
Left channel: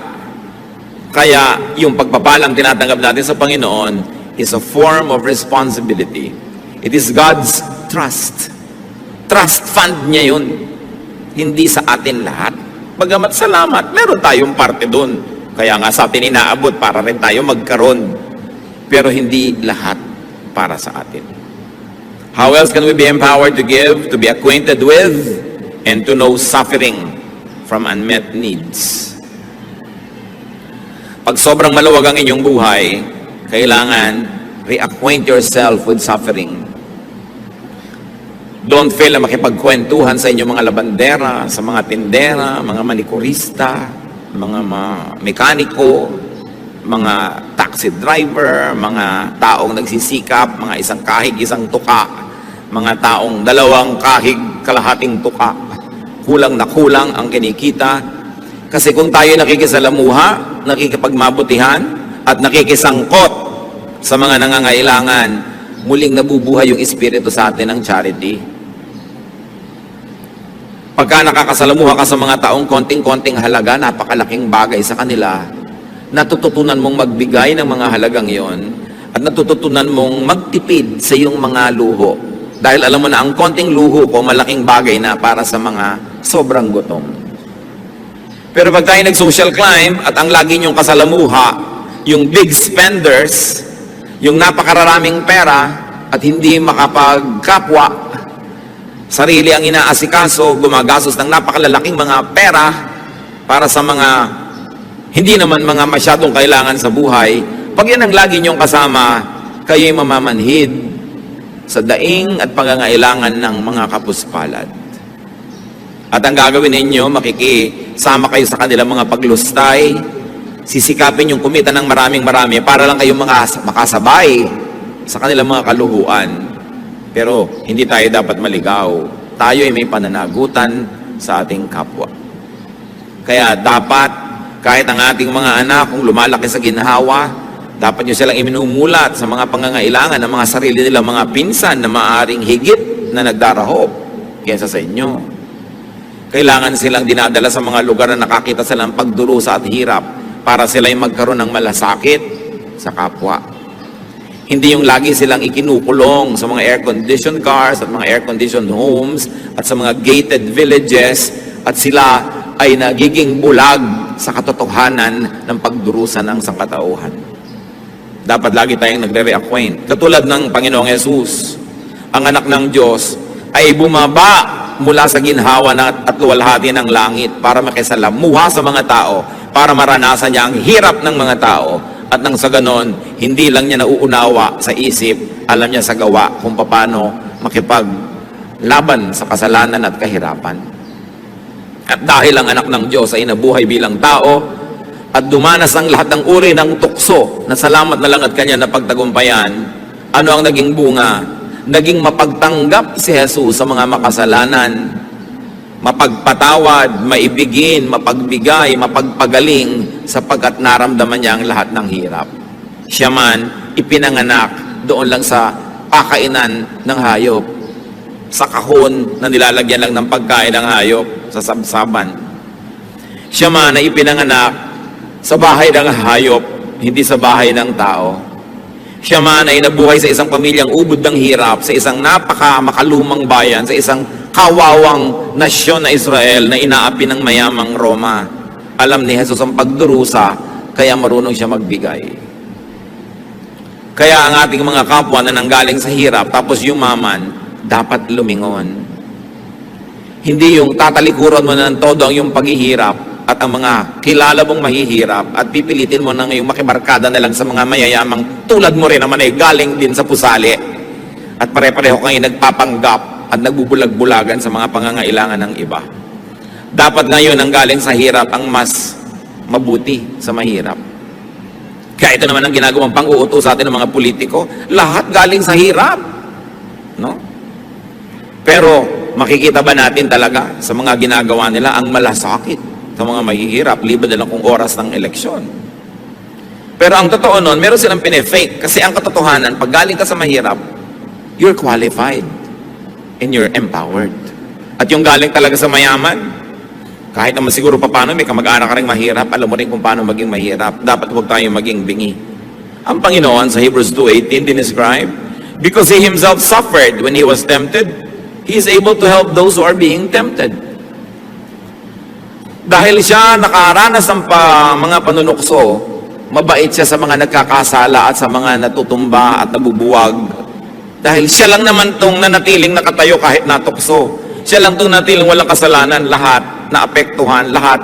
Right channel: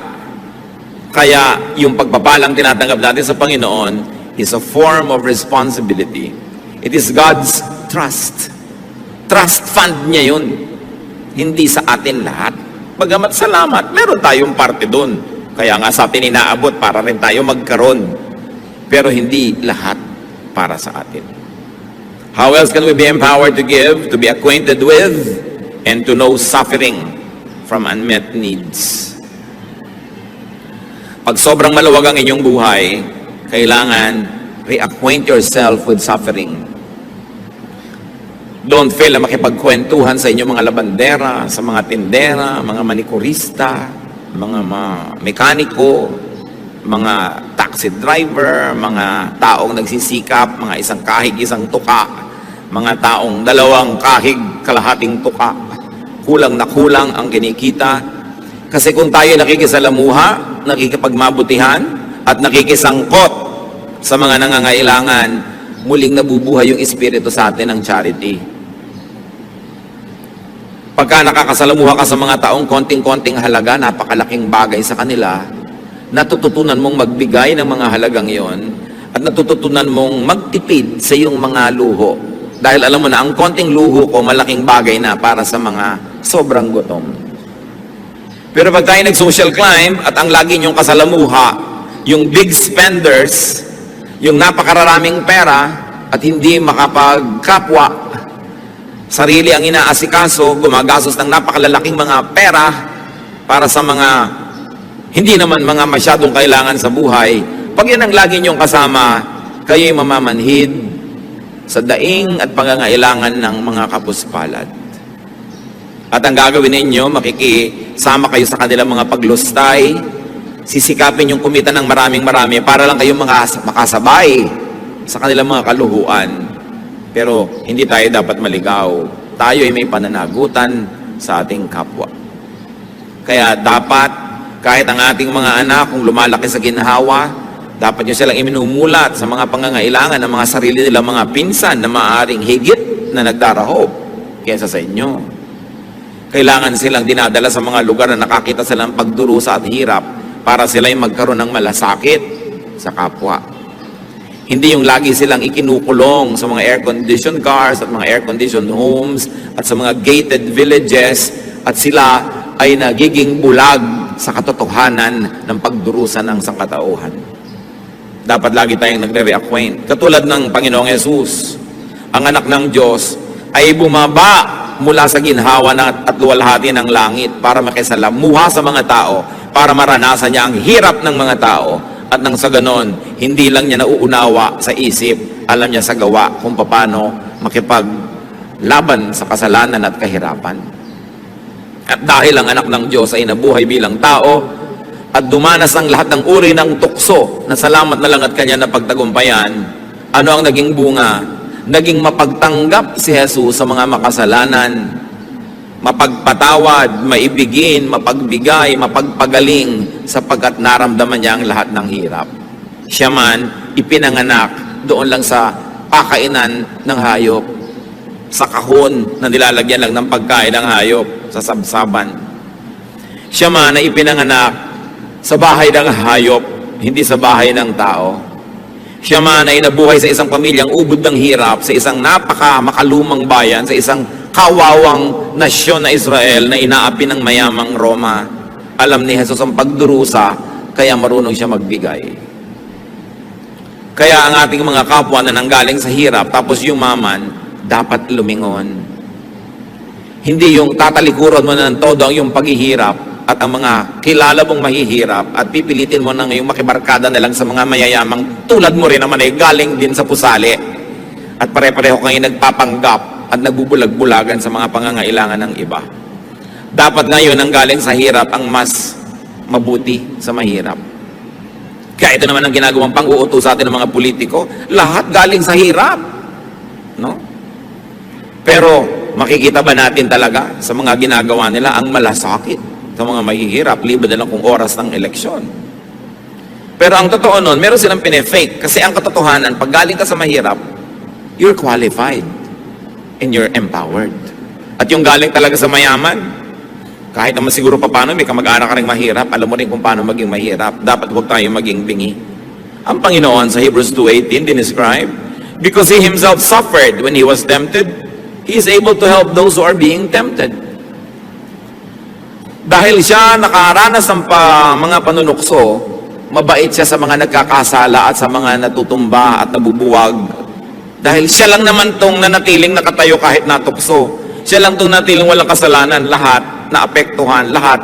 Kaya yung pagpapalang tinatanggap natin sa Panginoon is a form of responsibility. It is God's trust. Trust fund niya yun. Hindi sa atin lahat. Bagamat salamat, meron tayong parte doon. Kaya nga sa atin inaabot para rin tayo magkaroon. Pero hindi lahat para sa atin. How else can we be empowered to give, to be acquainted with, and to know suffering from unmet needs? Pag sobrang maluwag ang inyong buhay, kailangan reacquaint yourself with suffering. Don't fail na makipagkwentuhan sa inyong mga labandera, sa mga tindera, mga manikurista, mga mekaniko, mga taxi driver, mga taong nagsisikap, mga isang kahig, isang tuka, mga taong dalawang kahig, kalahating tuka. Kulang na kulang ang kinikita. Kasi kung tayo nakikisalamuha, nakikipagmabutihan, at nakikisangkot sa mga nangangailangan, muling nabubuhay yung espiritu sa atin ng charity. Pagka nakakasalamuha ka sa mga taong konting-konting halaga, napakalaking bagay sa kanila, natututunan mong magbigay ng mga halagang iyon at natututunan mong magtipid sa iyong mga luho. Dahil alam mo na, ang konting luho ko, malaking bagay na para sa mga sobrang gutom. Pero pag tayo nag-social climb at ang lagi niyong kasalamuha, yung big spenders, yung napakararaming pera at hindi makapagkapwa, sarili ang inaasikaso, gumagastos ng napakalalaking mga pera para sa mga hindi naman mga masyadong kailangan sa buhay. Pag yan ang lagi niyong kasama, kayo'y mamamanhid sa daing at pangangailangan ng mga kapuspalad. At ang gagawin ninyo, makikisama kayo sa kanilang mga paglustay, sisikapin yung kumita ng maraming-marami para lang kayong makasabay sa kanilang mga kaluhuan. Pero hindi tayo dapat maligaw. Tayo ay may pananagutan sa ating kapwa. Kaya dapat, kahit ang ating mga anak, kung lumalaki sa ginhawa, dapat nyo silang iminumulat sa mga pangangailangan ng mga sarili nilang mga pinsan na maaaring higit na nagdarahop kaysa sa inyo. Kailangan silang dinadala sa mga lugar na nakakita silang pagdurusa at hirap para sila'y magkaroon ng malasakit sa kapwa. Hindi yung lagi silang ikinukulong sa mga air-conditioned cars at mga air-conditioned homes at sa mga gated villages at sila ay nagiging bulag sa katotohanan ng pagdurusa ng sangkatauhan. Dapat lagi tayong nagre-reacquaint. Katulad ng Panginoong Yesus, ang anak ng Diyos ay bumaba mula sa ginhawa at luwalhati ng langit para makisalamuha sa mga tao, para maranasan niya ang hirap ng mga tao. At nang sa ganon, hindi lang niya nauunawa sa isip, alam niya sa gawa kung paano makipaglaban sa kasalanan at kahirapan. At dahil ang anak ng Diyos ay nabuhay bilang tao, at dumanas ang lahat ng uri ng tukso, na salamat na lang at kanya na pagtagumpayan, ano ang naging bunga? Naging mapagtanggap si Jesus sa mga makasalanan, mapagpatawad, maibigin, mapagbigay, mapagpagaling, sapagkat naramdaman niya ang lahat ng hirap. Siya man, ipinanganak doon lang sa pakainan ng hayop, sa kahon na nilalagyan lang ng pagkain ng hayop, sa sabsaban. Siya man ay ipinanganak sa bahay ng hayop, hindi sa bahay ng tao. Siya man ay nabuhay sa isang pamilyang ubod ng hirap, sa isang makalumang bayan, sa isang kawawang nasyon na Israel na inaapi ng mayamang Roma. Alam ni Jesus ang pagdurusa, kaya marunong siya magbigay. Kaya ang ating mga kapwa na nanggaling sa hirap, tapos yumaman, dapat lumingon. Hindi yung tatalikuran mo na ng todo ang yung paghihirap at ang mga kilala mong mahihirap at pipilitin mo na ngayong makibarkada na lang sa mga mayayamang tulad mo rin naman ay galing din sa pusali at pare-pareho kayo nagpapanggap at nagbubulag-bulagan sa mga pangangailangan ng iba. Dapat ngayon ang galing sa hirap ang mas mabuti sa mahirap. Kaya ito naman ang ginagawang pang-uutos sa atin ng mga politiko, lahat galing sa hirap. No? Pero makikita ba natin talaga sa mga ginagawa nila ang malasakit sa mga mahihirap, liban na lang kung oras ng eleksyon? Pero ang totoo nun, meron silang pinefake. Kasi ang katotohanan, pag galing ka sa mahirap, you're qualified and you're empowered. At yung galing talaga sa mayaman, kahit naman siguro pa paano, may kamag-anak ka rin mahirap, alam mo rin kung paano maging mahirap. Dapat huwag tayong maging bingi. Ang Panginoon sa Hebrews 2:18 dinescribe, because He Himself suffered when He was tempted, He is able to help those who are being tempted. Dahil siya nakaranas ng mga panunukso, mabait siya sa mga nagkakasala at sa mga natutumba at nabubuwag. Dahil siya lang naman tong nanatiling nakatayo kahit natukso. Siya lang itong natiling walang kasalanan, lahat naapektuhan, lahat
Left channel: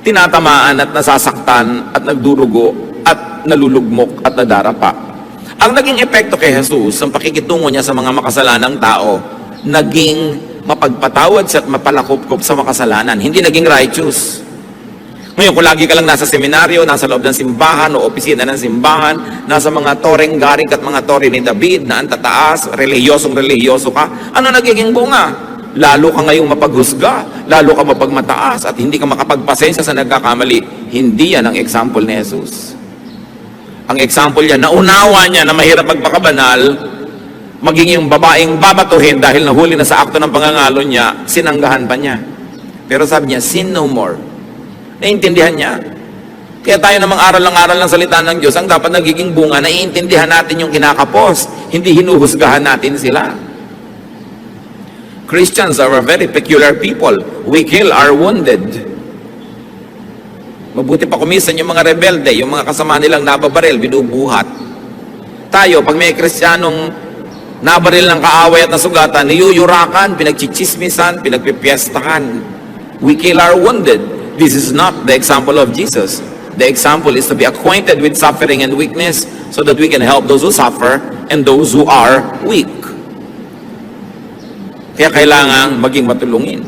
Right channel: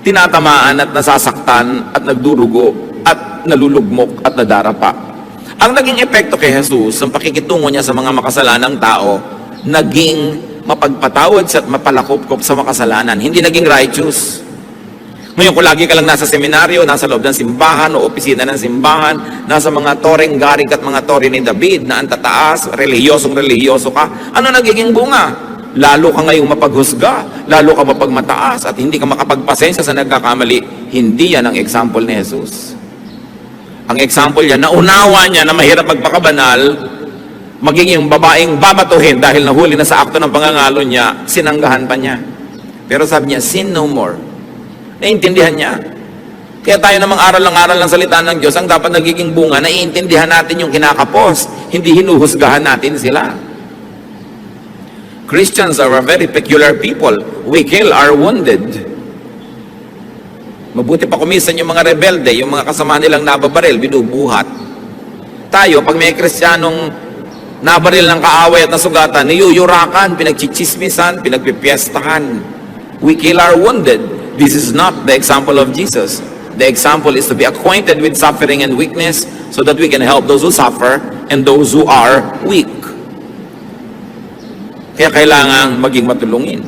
tinatamaan at nasasaktan at nagdurugo at nalulugmok at nadarapa. Ang naging epekto kay Jesus, ang pakikitungo niya sa mga makasalanang tao, naging mapagpatawad siya at mapalakop-kop sa makasalanan. Hindi naging righteous. Ngayon, kung lagi ka lang nasa seminaryo, nasa loob ng simbahan o opisina ng simbahan, nasa mga toreng garing at mga tore ni David na ang tataas, relihiyosong-relihiyoso ka, ano nagiging bunga? Lalo ka ngayong mapaghusga, lalo ka mapagmataas at hindi ka makapagpasensya sa nagkakamali. Hindi yan ang example ni Jesus. Ang example niya, naunawa niya na mahirap magpakabanal, maging yung babaeng babatuhin dahil nahuli na sa akto ng pangangalo niya, sinanggahan pa niya. Pero sabi niya, sin no more. Naiintindihan niya. Kaya tayo namang aral ng salita ng Diyos, ang dapat nagiging bunga, naiintindihan natin yung kinakapos, hindi hinuhusgahan natin sila. Christians are a very peculiar people. We kill our wounded. Mabuti pa kumisan yung mga rebelde, yung mga kasama nilang nababaril, binubuhat. Tayo, pag may Kristiyanong nabaril ng kaaway at nasugatan, niyuyurakan, pinagchichismisan, pinagpipiestahan. We kill our wounded. This is not the example of Jesus. The example is to be acquainted with suffering and weakness so that we can help those who suffer and those who are weak. Kaya kailangan maging matulungin.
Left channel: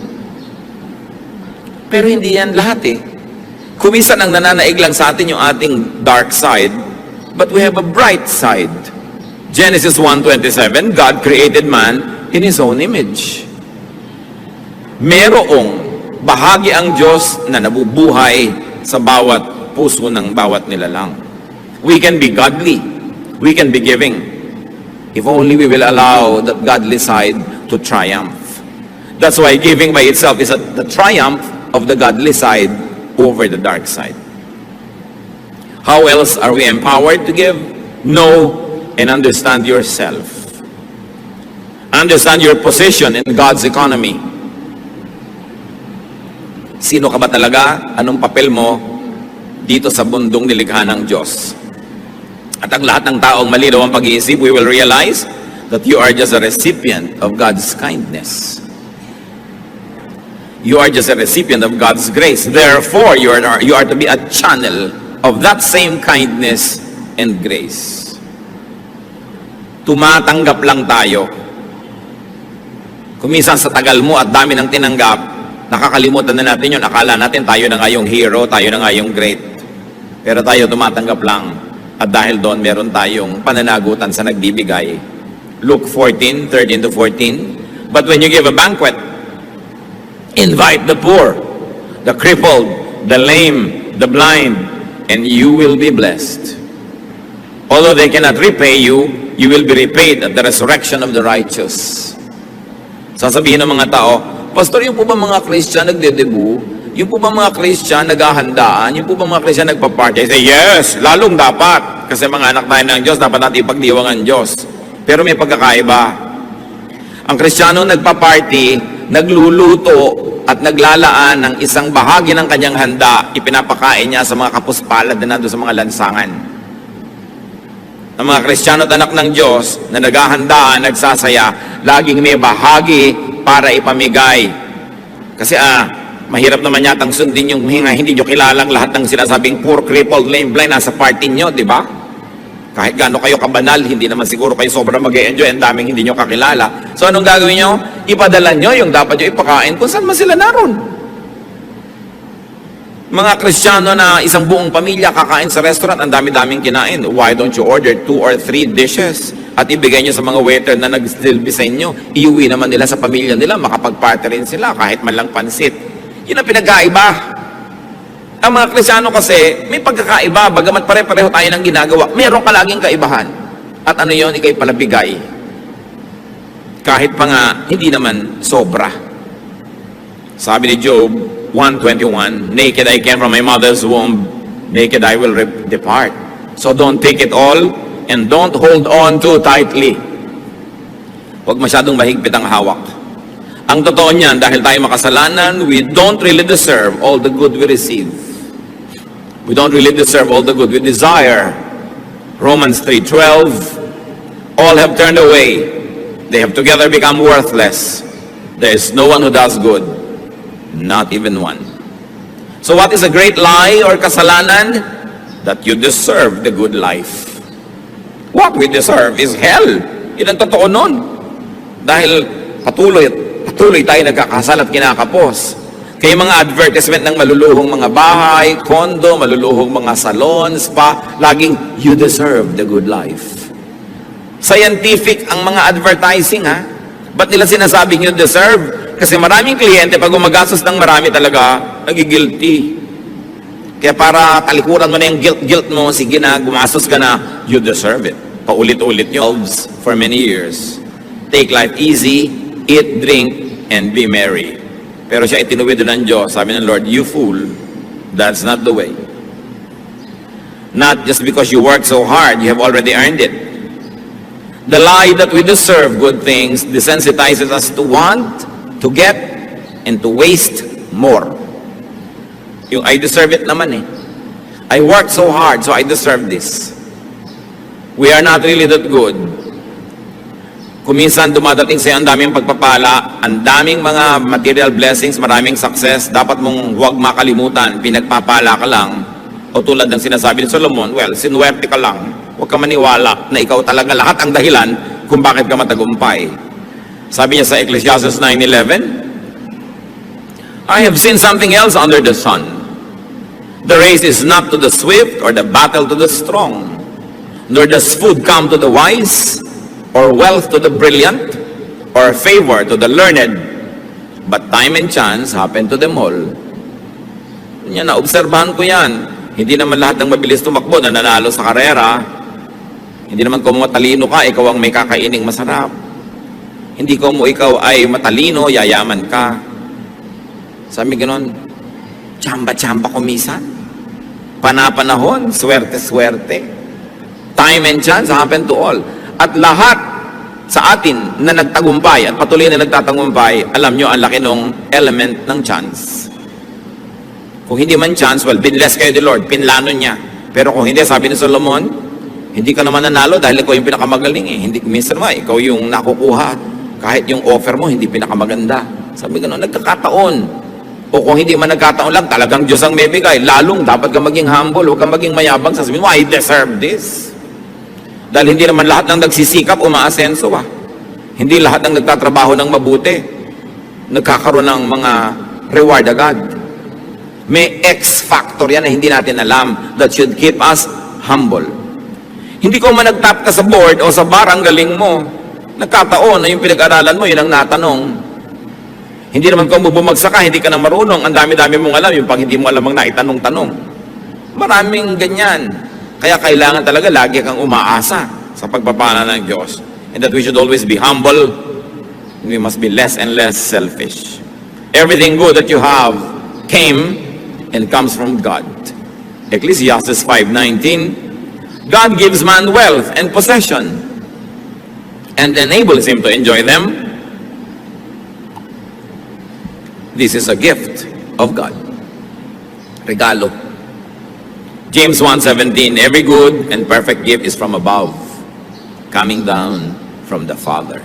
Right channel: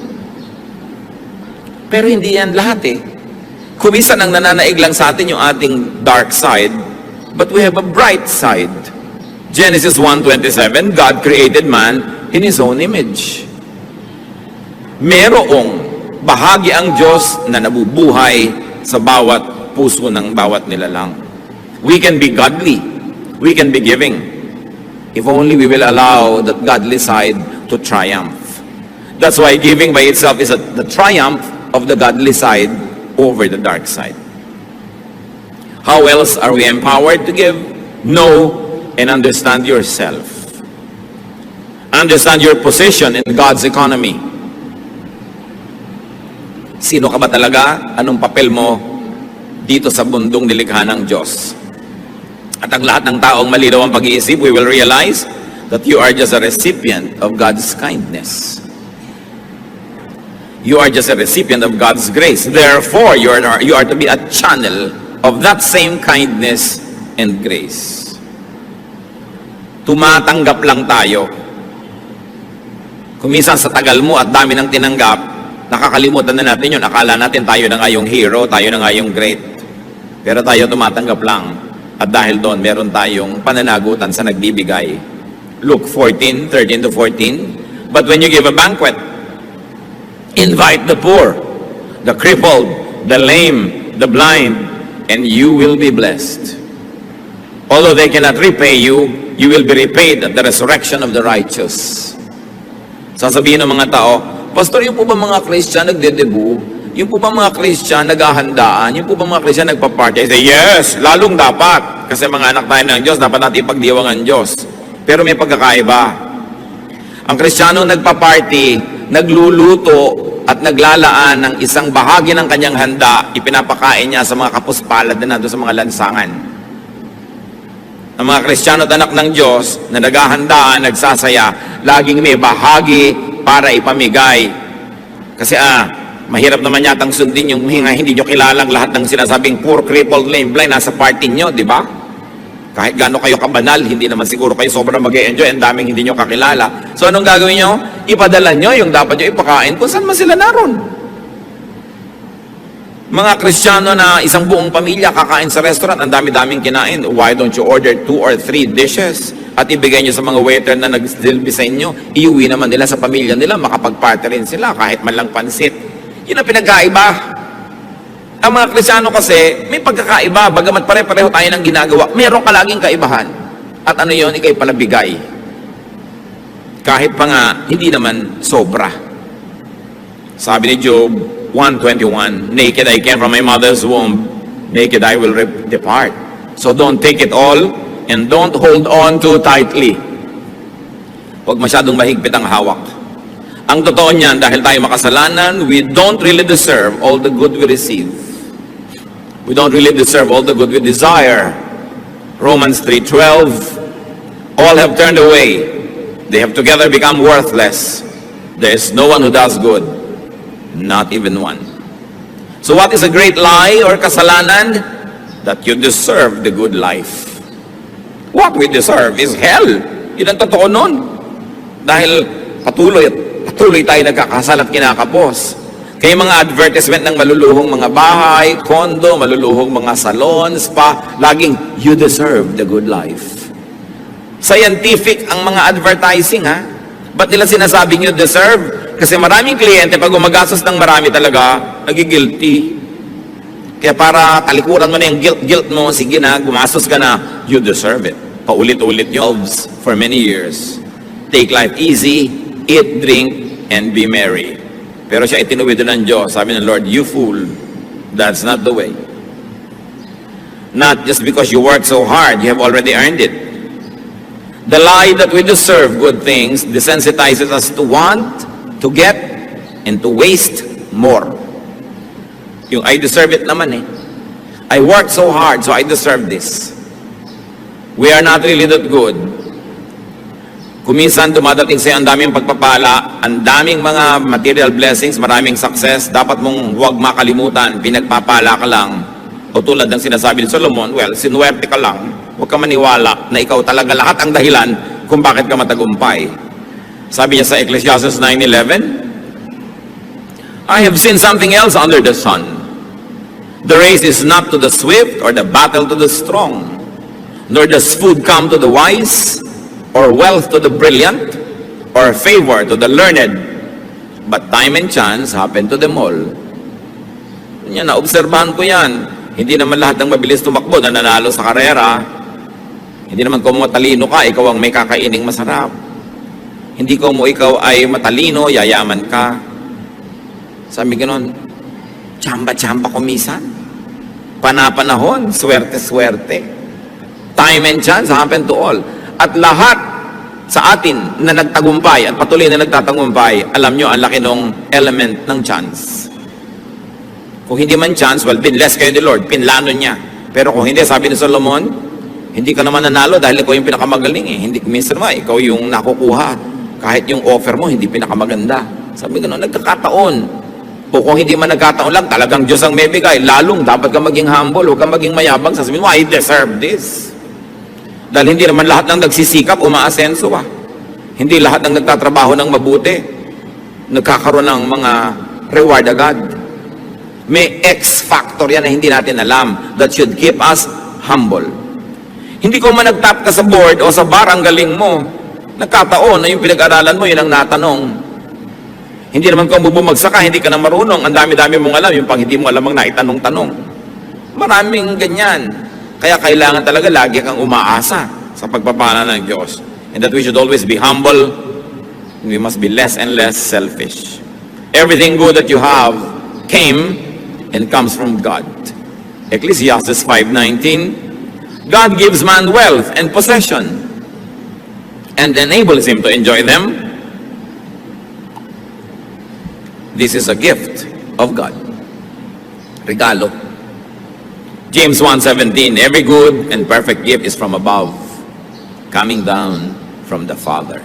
Pero hindi yan lahat eh. Kumisan ang nananaig lang sa atin yung ating dark side, but we have a bright side. Genesis 1:27, God created man in His own image. Merong bahagi ang Diyos na nabubuhay sa bawat puso ng bawat nilalang. We can be godly. We can be giving. If only we will allow that godly side to triumph. That's why giving by itself is the triumph of the godly side over the dark side. How else are we empowered to give? Know and understand yourself. Understand your position in God's economy. Sino ka ba talaga? Anong papel mo dito sa mundong nilikha ng Diyos? At ang lahat ng taong malinaw ang pag-iisip, we will realize that you are just a recipient of God's kindness. You are just a recipient of God's grace. Therefore, you are to be a channel of that same kindness and grace. Tumatanggap lang tayo. Kumisan sa tagal mo at dami ng tinanggap, nakakalimutan na natin yun. Akala natin tayo na nga yung hero, tayo na nga yung great. Pero tayo tumatanggap lang. At dahil doon, meron tayong pananagutan sa nagbibigay. Luke 14:13-14. But when you give a banquet, invite the poor, the crippled, the lame, the blind, and you will be blessed. Although they cannot repay you, you will be repaid at the resurrection of the righteous. Sasabihin ng mga tao, Pastor, yung po ba mga Christian nagdedebu? Yung po ba mga Christian naghahandaan? Yung po ba mga Christian nagpa-party? I say, yes, lalong dapat. Kasi mga anak tayo ng Diyos, dapat natin ipagdiwang ang Diyos. Pero may pagkakaiba. Ang Kristiyano nagpa-party, nagluluto at naglalaan ng isang bahagi ng kanyang handa, ipinapakain niya sa mga kapuspalad na nandun sa mga lansangan. Ang mga Kristiyano at anak ng Diyos na naghahandaan, nagsasaya, laging may bahagi para ipamigay. Kasi mahirap naman yatang sundin yung hindi nyo kilalang lahat ng sinasabing poor, crippled, lame, blind nasa party nyo, di ba? Kahit gaano kayo kabanal, hindi naman siguro kayo sobrang mag-e-enjoy, ang daming hindi nyo kakilala. So anong gagawin nyo? Ipadala nyo yung dapat nyo ipakain kung saan man sila naroon. Mga Kristiyano na isang buong pamilya kakain sa restaurant, ang dami-daming kinain. Why don't you order 2 or 3 dishes at ibigay nyo sa mga waiter na nag-silbi sa inyo? Iuwi naman nila sa pamilya nila, makapag-party rin sila kahit man lang pansit. Yun ang pinagkaiba. Ang mga Kristiyano kasi, may pagkakaiba. Bagamat pare-pareho tayo ng ginagawa, meron ka laging kaibahan. At ano yun, ikay palabigay. Kahit pa nga, hindi naman sobra. Sabi ni Job 1:21, naked I came from my mother's womb, naked I will depart. So don't take it all, and don't hold on too tightly. Huwag masyadong mahigpit ang hawak. Ang totoo niyan, dahil tayo makasalanan, we don't really deserve all the good we receive. We don't really deserve all the good we desire. Romans 3:12, all have turned away. They have together become worthless. There is no one who does good, not even one. So what is a great lie or kasalanan? That you deserve the good life. What we deserve is hell. Yun ang totoo nun. Dahil patuloy tayo nagkakasal at kinakapos. Kaya mga advertisement ng maluluhong mga bahay, kondo, maluluhong mga salon, spa, laging, you deserve the good life. Scientific ang mga advertising, ha? Ba't nila sinasabing you deserve? Kasi maraming kliyente, pag gumagastos ng marami talaga, nagigilty. Kaya para talikuran mo na yung guilt mo, sige na, gumastos ka na, you deserve it. Paulit-ulit nyo for many years. Take life easy, eat, drink, and be merry. Pero siya itinuwid ng Diyos. Sabi ng Lord, you fool, that's not the way. Not just because you work so hard, you have already earned it. The lie that we deserve good things desensitizes us to want, to get, and to waste more. Yung I deserve it naman eh. I worked so hard, so I deserve this. We are not really that good. Kuminsan dumadating sa'yo ang daming pagpapala, ang daming mga material blessings, maraming success, dapat mong huwag makalimutan, pinagpapala ka lang. O tulad ng sinasabi ni Solomon, well, sinuwerte ka lang. Huwag ka maniwala na ikaw talaga lahat ang dahilan kung bakit ka matagumpay. Sabi niya sa Ecclesiastes 9:11, I have seen something else under the sun. The race is not to the swift or the battle to the strong, nor does food come to the wise, or wealth to the brilliant, or favor to the learned, but time and chance happen to them all. Yan, naobserbahan ko yan. Hindi naman lahat ng mabilis tumakbo na nanalo sa karera. Hindi naman kung matalino ka, ikaw ang may kakaining masarap. Hindi kung ikaw ay matalino, yayaman ka. Sabi ganon, tsamba-tsamba kumisan. Panapanahon, swerte-swerte. Time and chance happen to all. At lahat sa atin na nagtagumpay at patuloy na nagtatagumpay, alam nyo, ang laki ng element ng chance. Kung hindi man chance, well, pinless kayo ni Lord, pinlano niya. Pero kung hindi, sabi ni Solomon, hindi ka naman nanalo dahil ikaw yung pinakamagaling eh. Hindi, minsan naman, ikaw yung nakukuha. Kahit yung offer mo, hindi pinakamaganda. Sabi ka nagkakataon. O kung hindi man nagkataon lang, talagang Diyos ang may bigay. Lalong, dapat ka maging humble, huwag ka maging mayabang. Sasabihin mo, I deserve this. Dahil hindi naman lahat ng nagsisikap, umaasenso ba? Hindi lahat ng nagtatrabaho ng mabuti, nagkakaroon ng mga reward agad. May X factor yan na hindi natin alam that should keep us humble. Hindi ko man nagtap ka sa board o sa bar ang galing mo, nagkataon na yung pinag-aralan mo, yun ang natanong. Hindi naman kung bumagsak ka, hindi ka na marunong, ang dami-dami mong alam, yung pang hindi mo alam ang naitanong-tanong. Maraming ganyan. Kaya kailangan talaga lagi kang umaasa sa pagpapala ng Diyos. And that we should always be humble, and we must be less and less selfish. Everything good that you have came and comes from God. Ecclesiastes 5:19, God gives man wealth and possession and enables him to enjoy them. This is a gift of God. Regalo. James 1:17, every good and perfect gift is from above, coming down from the Father.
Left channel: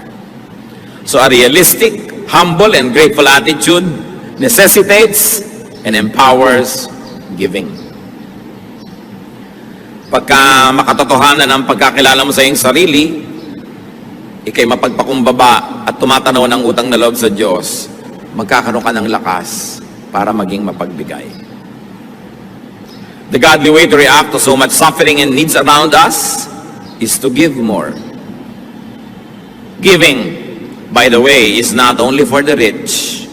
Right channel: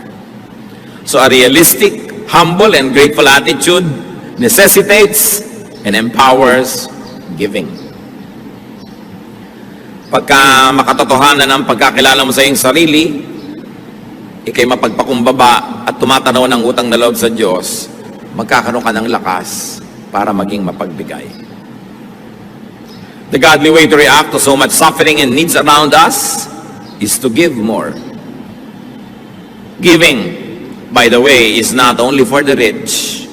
So a realistic, humble, and grateful attitude necessitates and empowers giving. Pagka makatotohanan ang pagkakilala mo sa iyong sarili, ikay mapagpakumbaba at tumatanaw ng utang na loob sa Diyos, magkakaroon ka ng lakas para maging mapagbigay. The godly way to react to so much suffering and needs around us is to give more. Giving, by the way, is not only for the rich.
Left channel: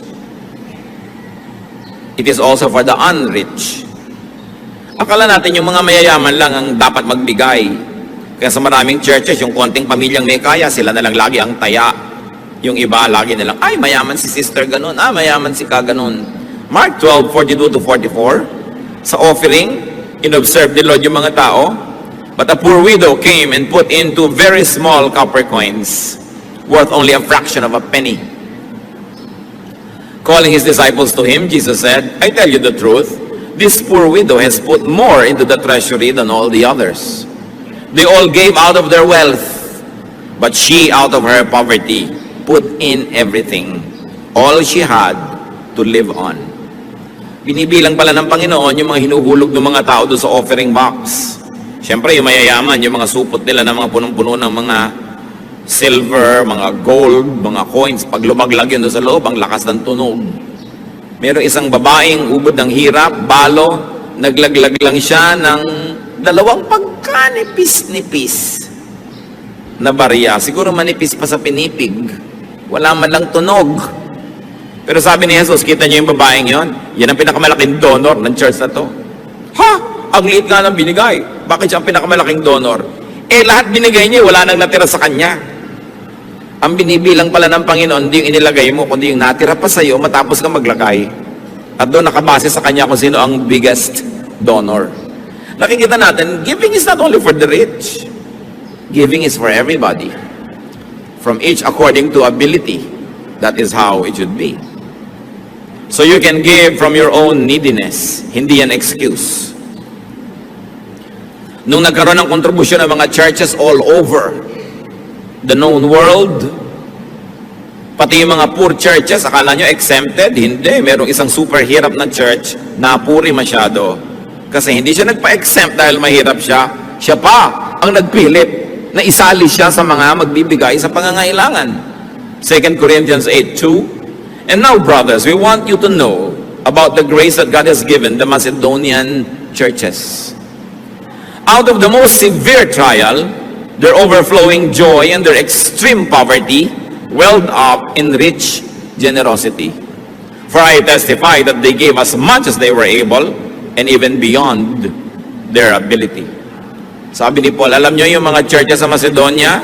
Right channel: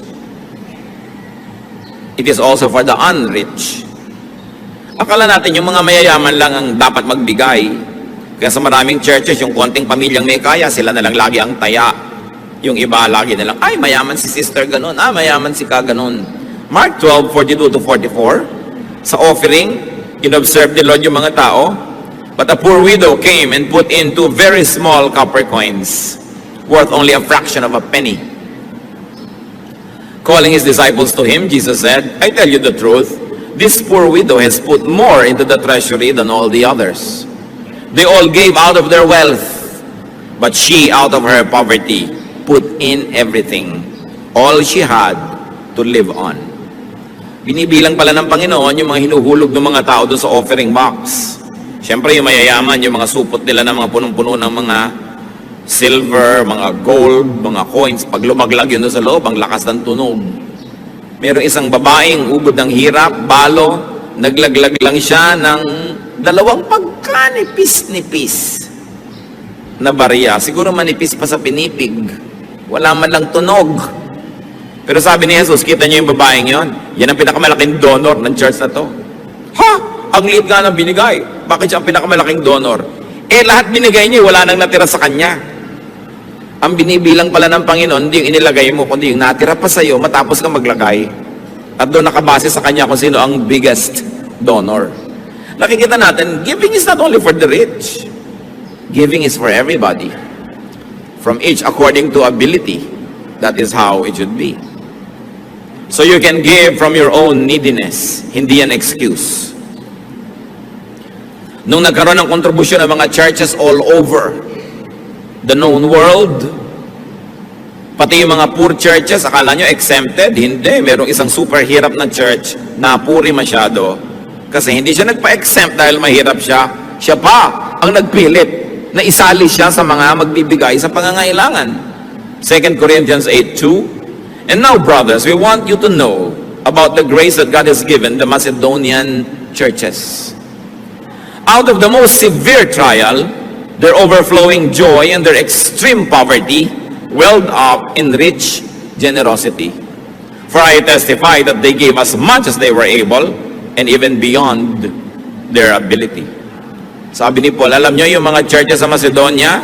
It is also for the unrich. Akala natin yung mga mayayaman lang ang dapat magbigay. Kaya sa maraming churches, yung konting pamilyang may kaya, sila na lang lagi ang taya. Yung iba lagi na lang, ay mayaman si sister ganun, mayaman si ka ganun. Mark 12:42-44, sa offering, inobserve ni Lord yung mga tao, but a poor widow came and put in 2 very small copper coins, worth only a fraction of a penny. Calling his disciples to him, Jesus said, I tell you the truth, this poor widow has put more into the treasury than all the others. They all gave out of their wealth, but she, out of her poverty, put in everything, all she had to live on. Binibilang pala ng Panginoon yung mga hinuhulog ng mga tao doon sa offering box. Siyempre, yung mayayaman, yung mga supot nila ng mga punong-puno ng mga silver, mga gold, mga coins, pag lumaglag yun doon sa loob, ang lakas ng tunog. Mayroong isang babaeng ugod ng hirap, balo, naglaglag lang siya ng 2 pagkanipis-nipis na barya. Siguro manipis pa sa pinipig. Wala man lang tunog. Pero sabi ni Jesus, kita niyo yung babaeng yon? Yan ang pinakamalaking donor ng church na to. Ha? Ang liit nga ng binigay. Bakit siya ang pinakamalaking donor? Eh, lahat binigay niya, wala nang natira sa kanya. Ang binibilang pala ng Panginoon, hindi yung inilagay mo, kundi yung natira pa sa'yo matapos ka maglagay. At doon nakabase sa Kanya kung sino ang biggest donor. Nakikita natin, giving is not only for the rich. Giving is for everybody. From each according to ability. That is how it should be. So you can give from your own neediness. Hindi yan excuse. Nung nagkaroon ng kontribusyon ng mga churches all over the known world, pati yung mga poor churches, akala nyo exempted? Hindi. Merong isang super hirap na church na puri masyado. Kasi hindi siya nagpa-exempt dahil mahirap siya. Siya pa ang nagpilit na isali siya sa mga magbibigay sa pangangailangan. 2 Corinthians 8:2. And now, brothers, we want you to know about the grace that God has given the Macedonian churches. Out of the most severe trial, their overflowing joy and their extreme poverty welled up in rich generosity. For I testify that they gave as much as they were able and even beyond their ability. Sabi ni Paul, alam nyo yung mga churches sa Macedonia,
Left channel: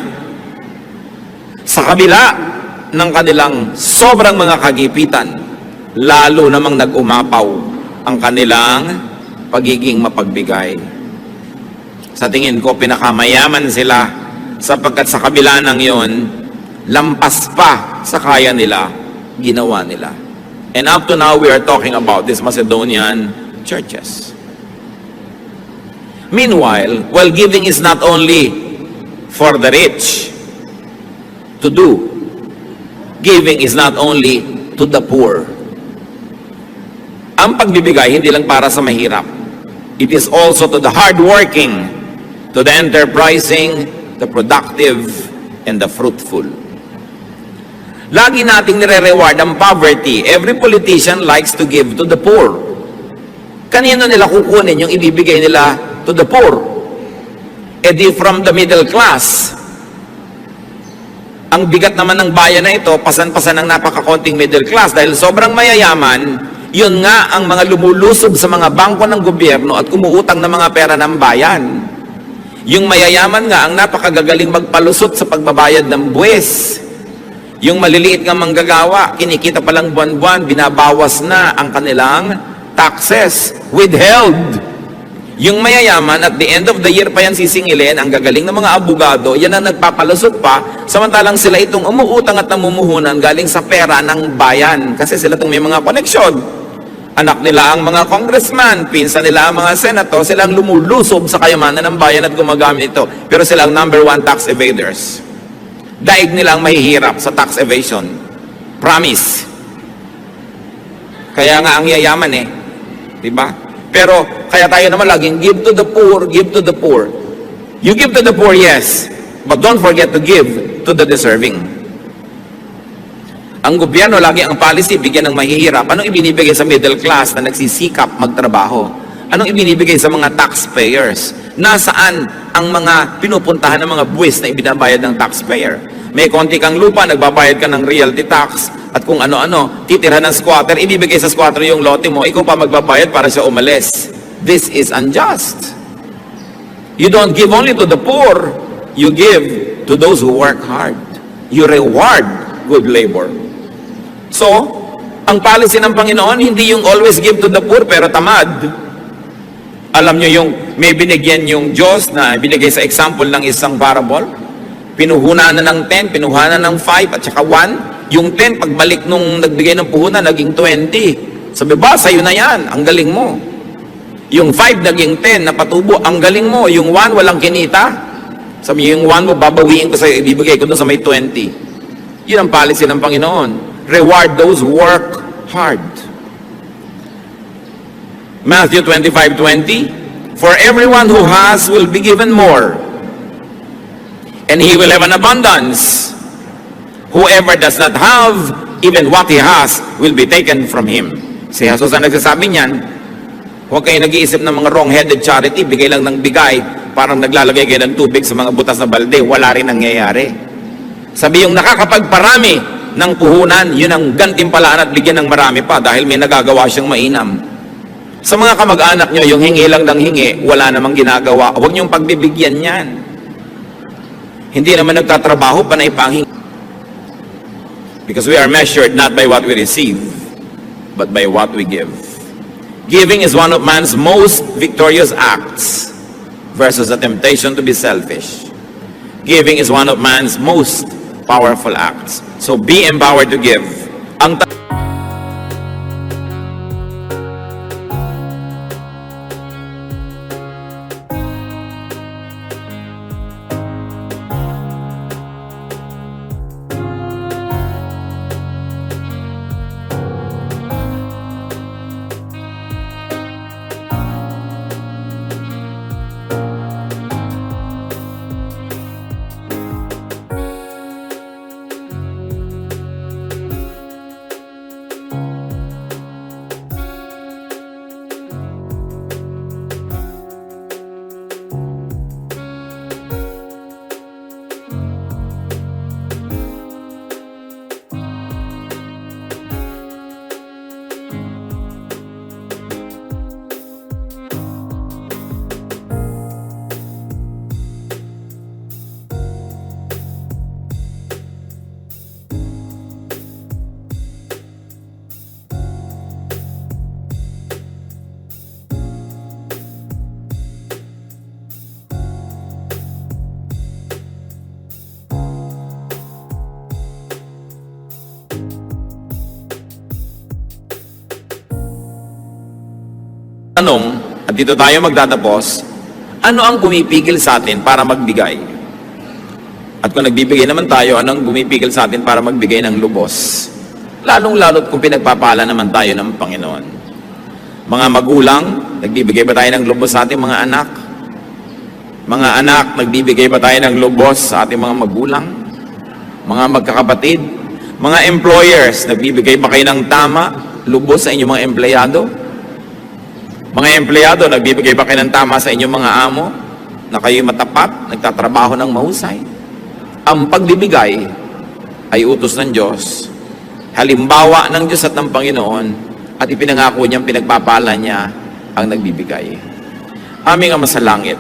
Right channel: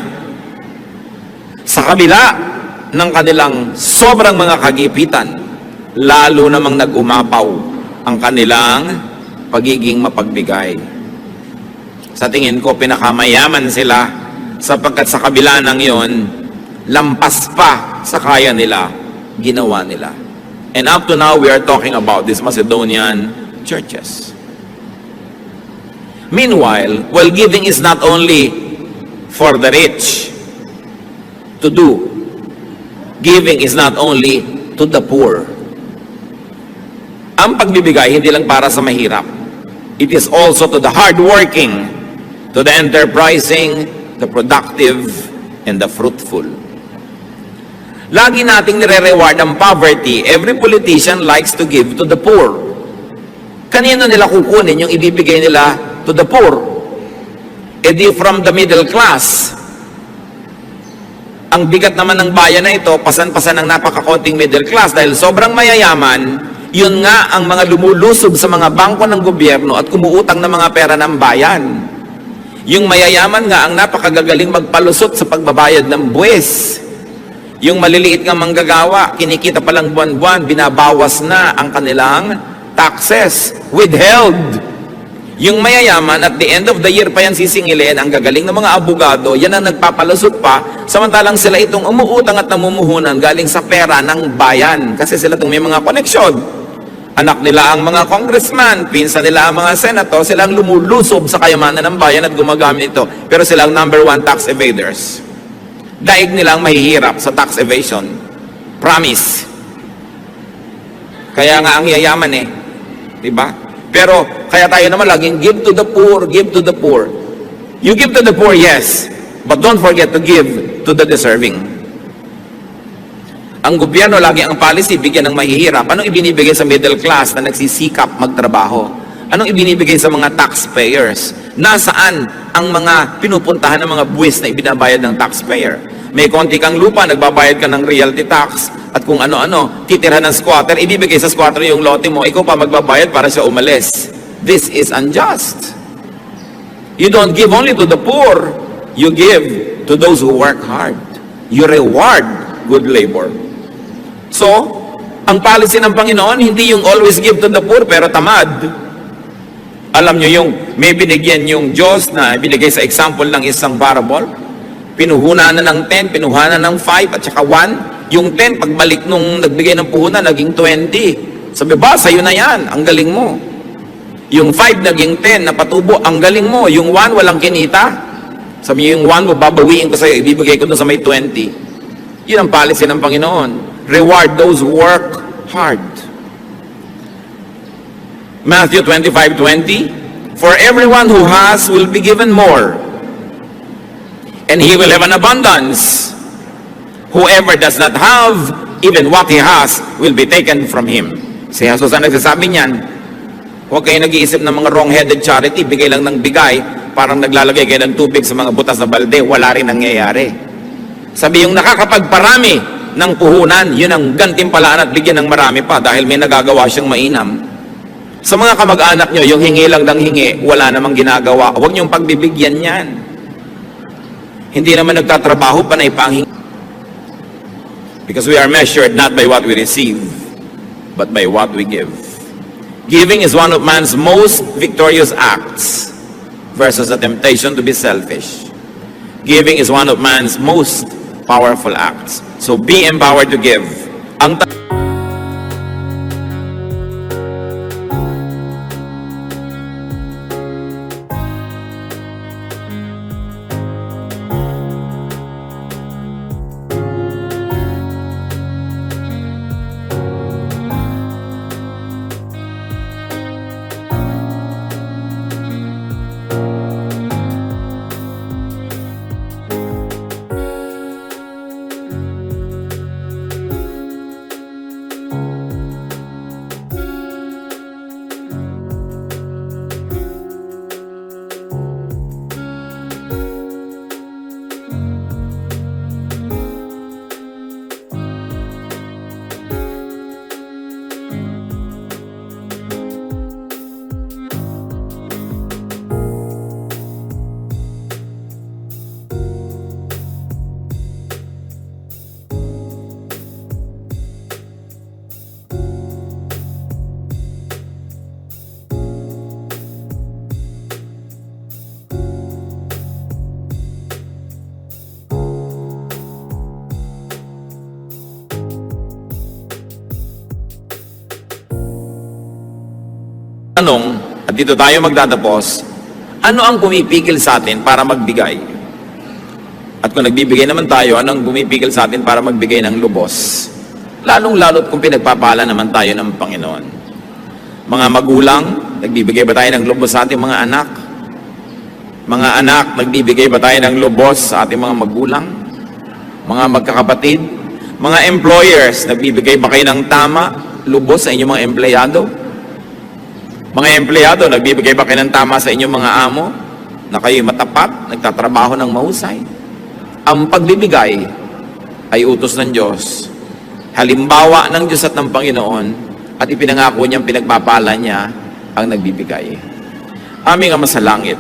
sa kabila ng kanilang sobrang mga kagipitan, lalo namang nag-umapaw ang kanilang pagiging mapagbigay. Sa tingin ko, pinakamayaman sila sapagkat sa kabila ng yon, lampas pa sa kaya nila, ginawa nila. And up to now, we are talking about these Macedonian churches. Meanwhile, while giving is not only for the rich to do, giving is not only to the poor. Ang pagbibigay, hindi lang para sa mahirap. It is also to the hardworking, to the enterprising, the productive, and the fruitful. Lagi nating nire-reward ang poverty. Every politician likes to give to the poor. Kanino nila kukunin yung ibibigay nila to the poor? E di from the middle class. Ang bigat naman ng bayan na ito, pasan-pasan ng napakakonting middle class dahil sobrang mayayaman, yun nga ang mga lumulusob sa mga bangko ng gobyerno at kumuutang ng mga pera ng bayan. Yung mayayaman nga ang napakagagaling magpalusot sa pagbabayad ng buwis. Yung maliliit nga manggagawa, kinikita palang buwan-buwan, binabawas na ang kanilang taxes, withheld. Yung mayayaman, at the end of the year pa yan sisingilin, ang gagaling ng mga abogado, yan ang nagpapalusot pa, samantalang sila itong umuutang at namumuhunan galing sa pera ng bayan. Kasi sila itong may mga koneksyon. Anak nila ang mga congressman, pinsan nila ang mga senator, sila ang lumulusob sa kayamanan ng bayan at gumagamit ito. Pero sila ang number one tax evaders. Daig nila ang mahihirap sa tax evasion. Promise. Kaya nga ang yayaman eh. Diba? Pero, kaya tayo naman laging give to the poor, give to the poor. You give to the poor, yes. But don't forget to give to the deserving. Ang gobyerno, lagi ang policy, bigyan ng mahihirap. Anong ibinibigay sa middle class na nagsisikap magtrabaho? Anong ibinibigay sa mga taxpayers? Nasaan ang mga pinupuntahan ng mga buwis na ibinabayad ng taxpayer? May konti kang lupa, nagbabayad ka ng realty tax, at kung ano-ano, titira ng squatter, ibibigay sa squatter yung lote mo, ikaw pa magbabayad para siya umalis. This is unjust. You don't give only to the poor, you give to those who work hard. You reward good labor. So, ang policy ng Panginoon, hindi yung always give to the poor, pero tamad. Alam nyo yung may binigyan yung Diyos na binigay sa example ng isang parable. Pinuhunan na ng 10, pinuhunan ng 5, at saka 1. Yung 10, pagbalik nung nagbigay ng puhunan, naging 20. Sabi ba, sa'yo na yan, ang galing mo. Yung 5, naging 10, napatubo, ang galing mo. Yung 1, walang kinita. Sabi yung 1 mo, babawiin ko sa'yo, ibibigay ko doon sa may 20. Yun ang policy ng Panginoon. Reward those who work hard. Matthew 25:20. For everyone who has will be given more, and he will have an abundance. Whoever does not have, even what he has will be taken from him. Si Jesus ang nagsasabi niyan. Huwag kayo nag-iisip ng mga wrong-headed charity, bigay lang ng bigay, parang naglalagay kayo ng tubig sa mga butas na balde, wala rin nangyayari. Sabi yung nakakapagparami ng puhunan, yun ang gantimpalaan at bigyan ng marami pa dahil may nagagawa siyang mainam. Sa mga kamag-anak nyo, yung hingi lang ng hingi, wala namang ginagawa. Huwag niyong pagbibigyan yan. Hindi naman nagtatrabaho, panay panghingi. Because we are measured not by what we receive, but by what we give. Giving is one of man's most victorious acts versus the temptation to be selfish. Giving is one of man's most powerful acts. So be empowered to give. Ang tanong, at dito tayo magtatapos, ano ang pumipigil sa atin para magbigay? At kung nagbibigay naman tayo, ano ang pumipigil sa atin para magbigay ng lubos? Lalong-lalot kung pinagpapala naman tayo ng Panginoon. Mga magulang, nagbibigay ba tayo ng lubos sa ating mga anak? Mga anak, nagbibigay ba tayo ng lubos sa ating mga magulang? Mga magkakapatid? Mga employers, nagbibigay ba kayo ng tama, lubos sa inyong mga empleyado? Mga empleyado, nagbibigay ba kayo ng tama sa inyong mga amo? Na kayo'y matapat, nagtatrabaho ng mahusay? Ang pagbibigay ay utos ng Diyos. Halimbawa ng Diyos at ng Panginoon, at ipinangako niyang pinagpapala niya ang nagbibigay. Aming Ama sa langit,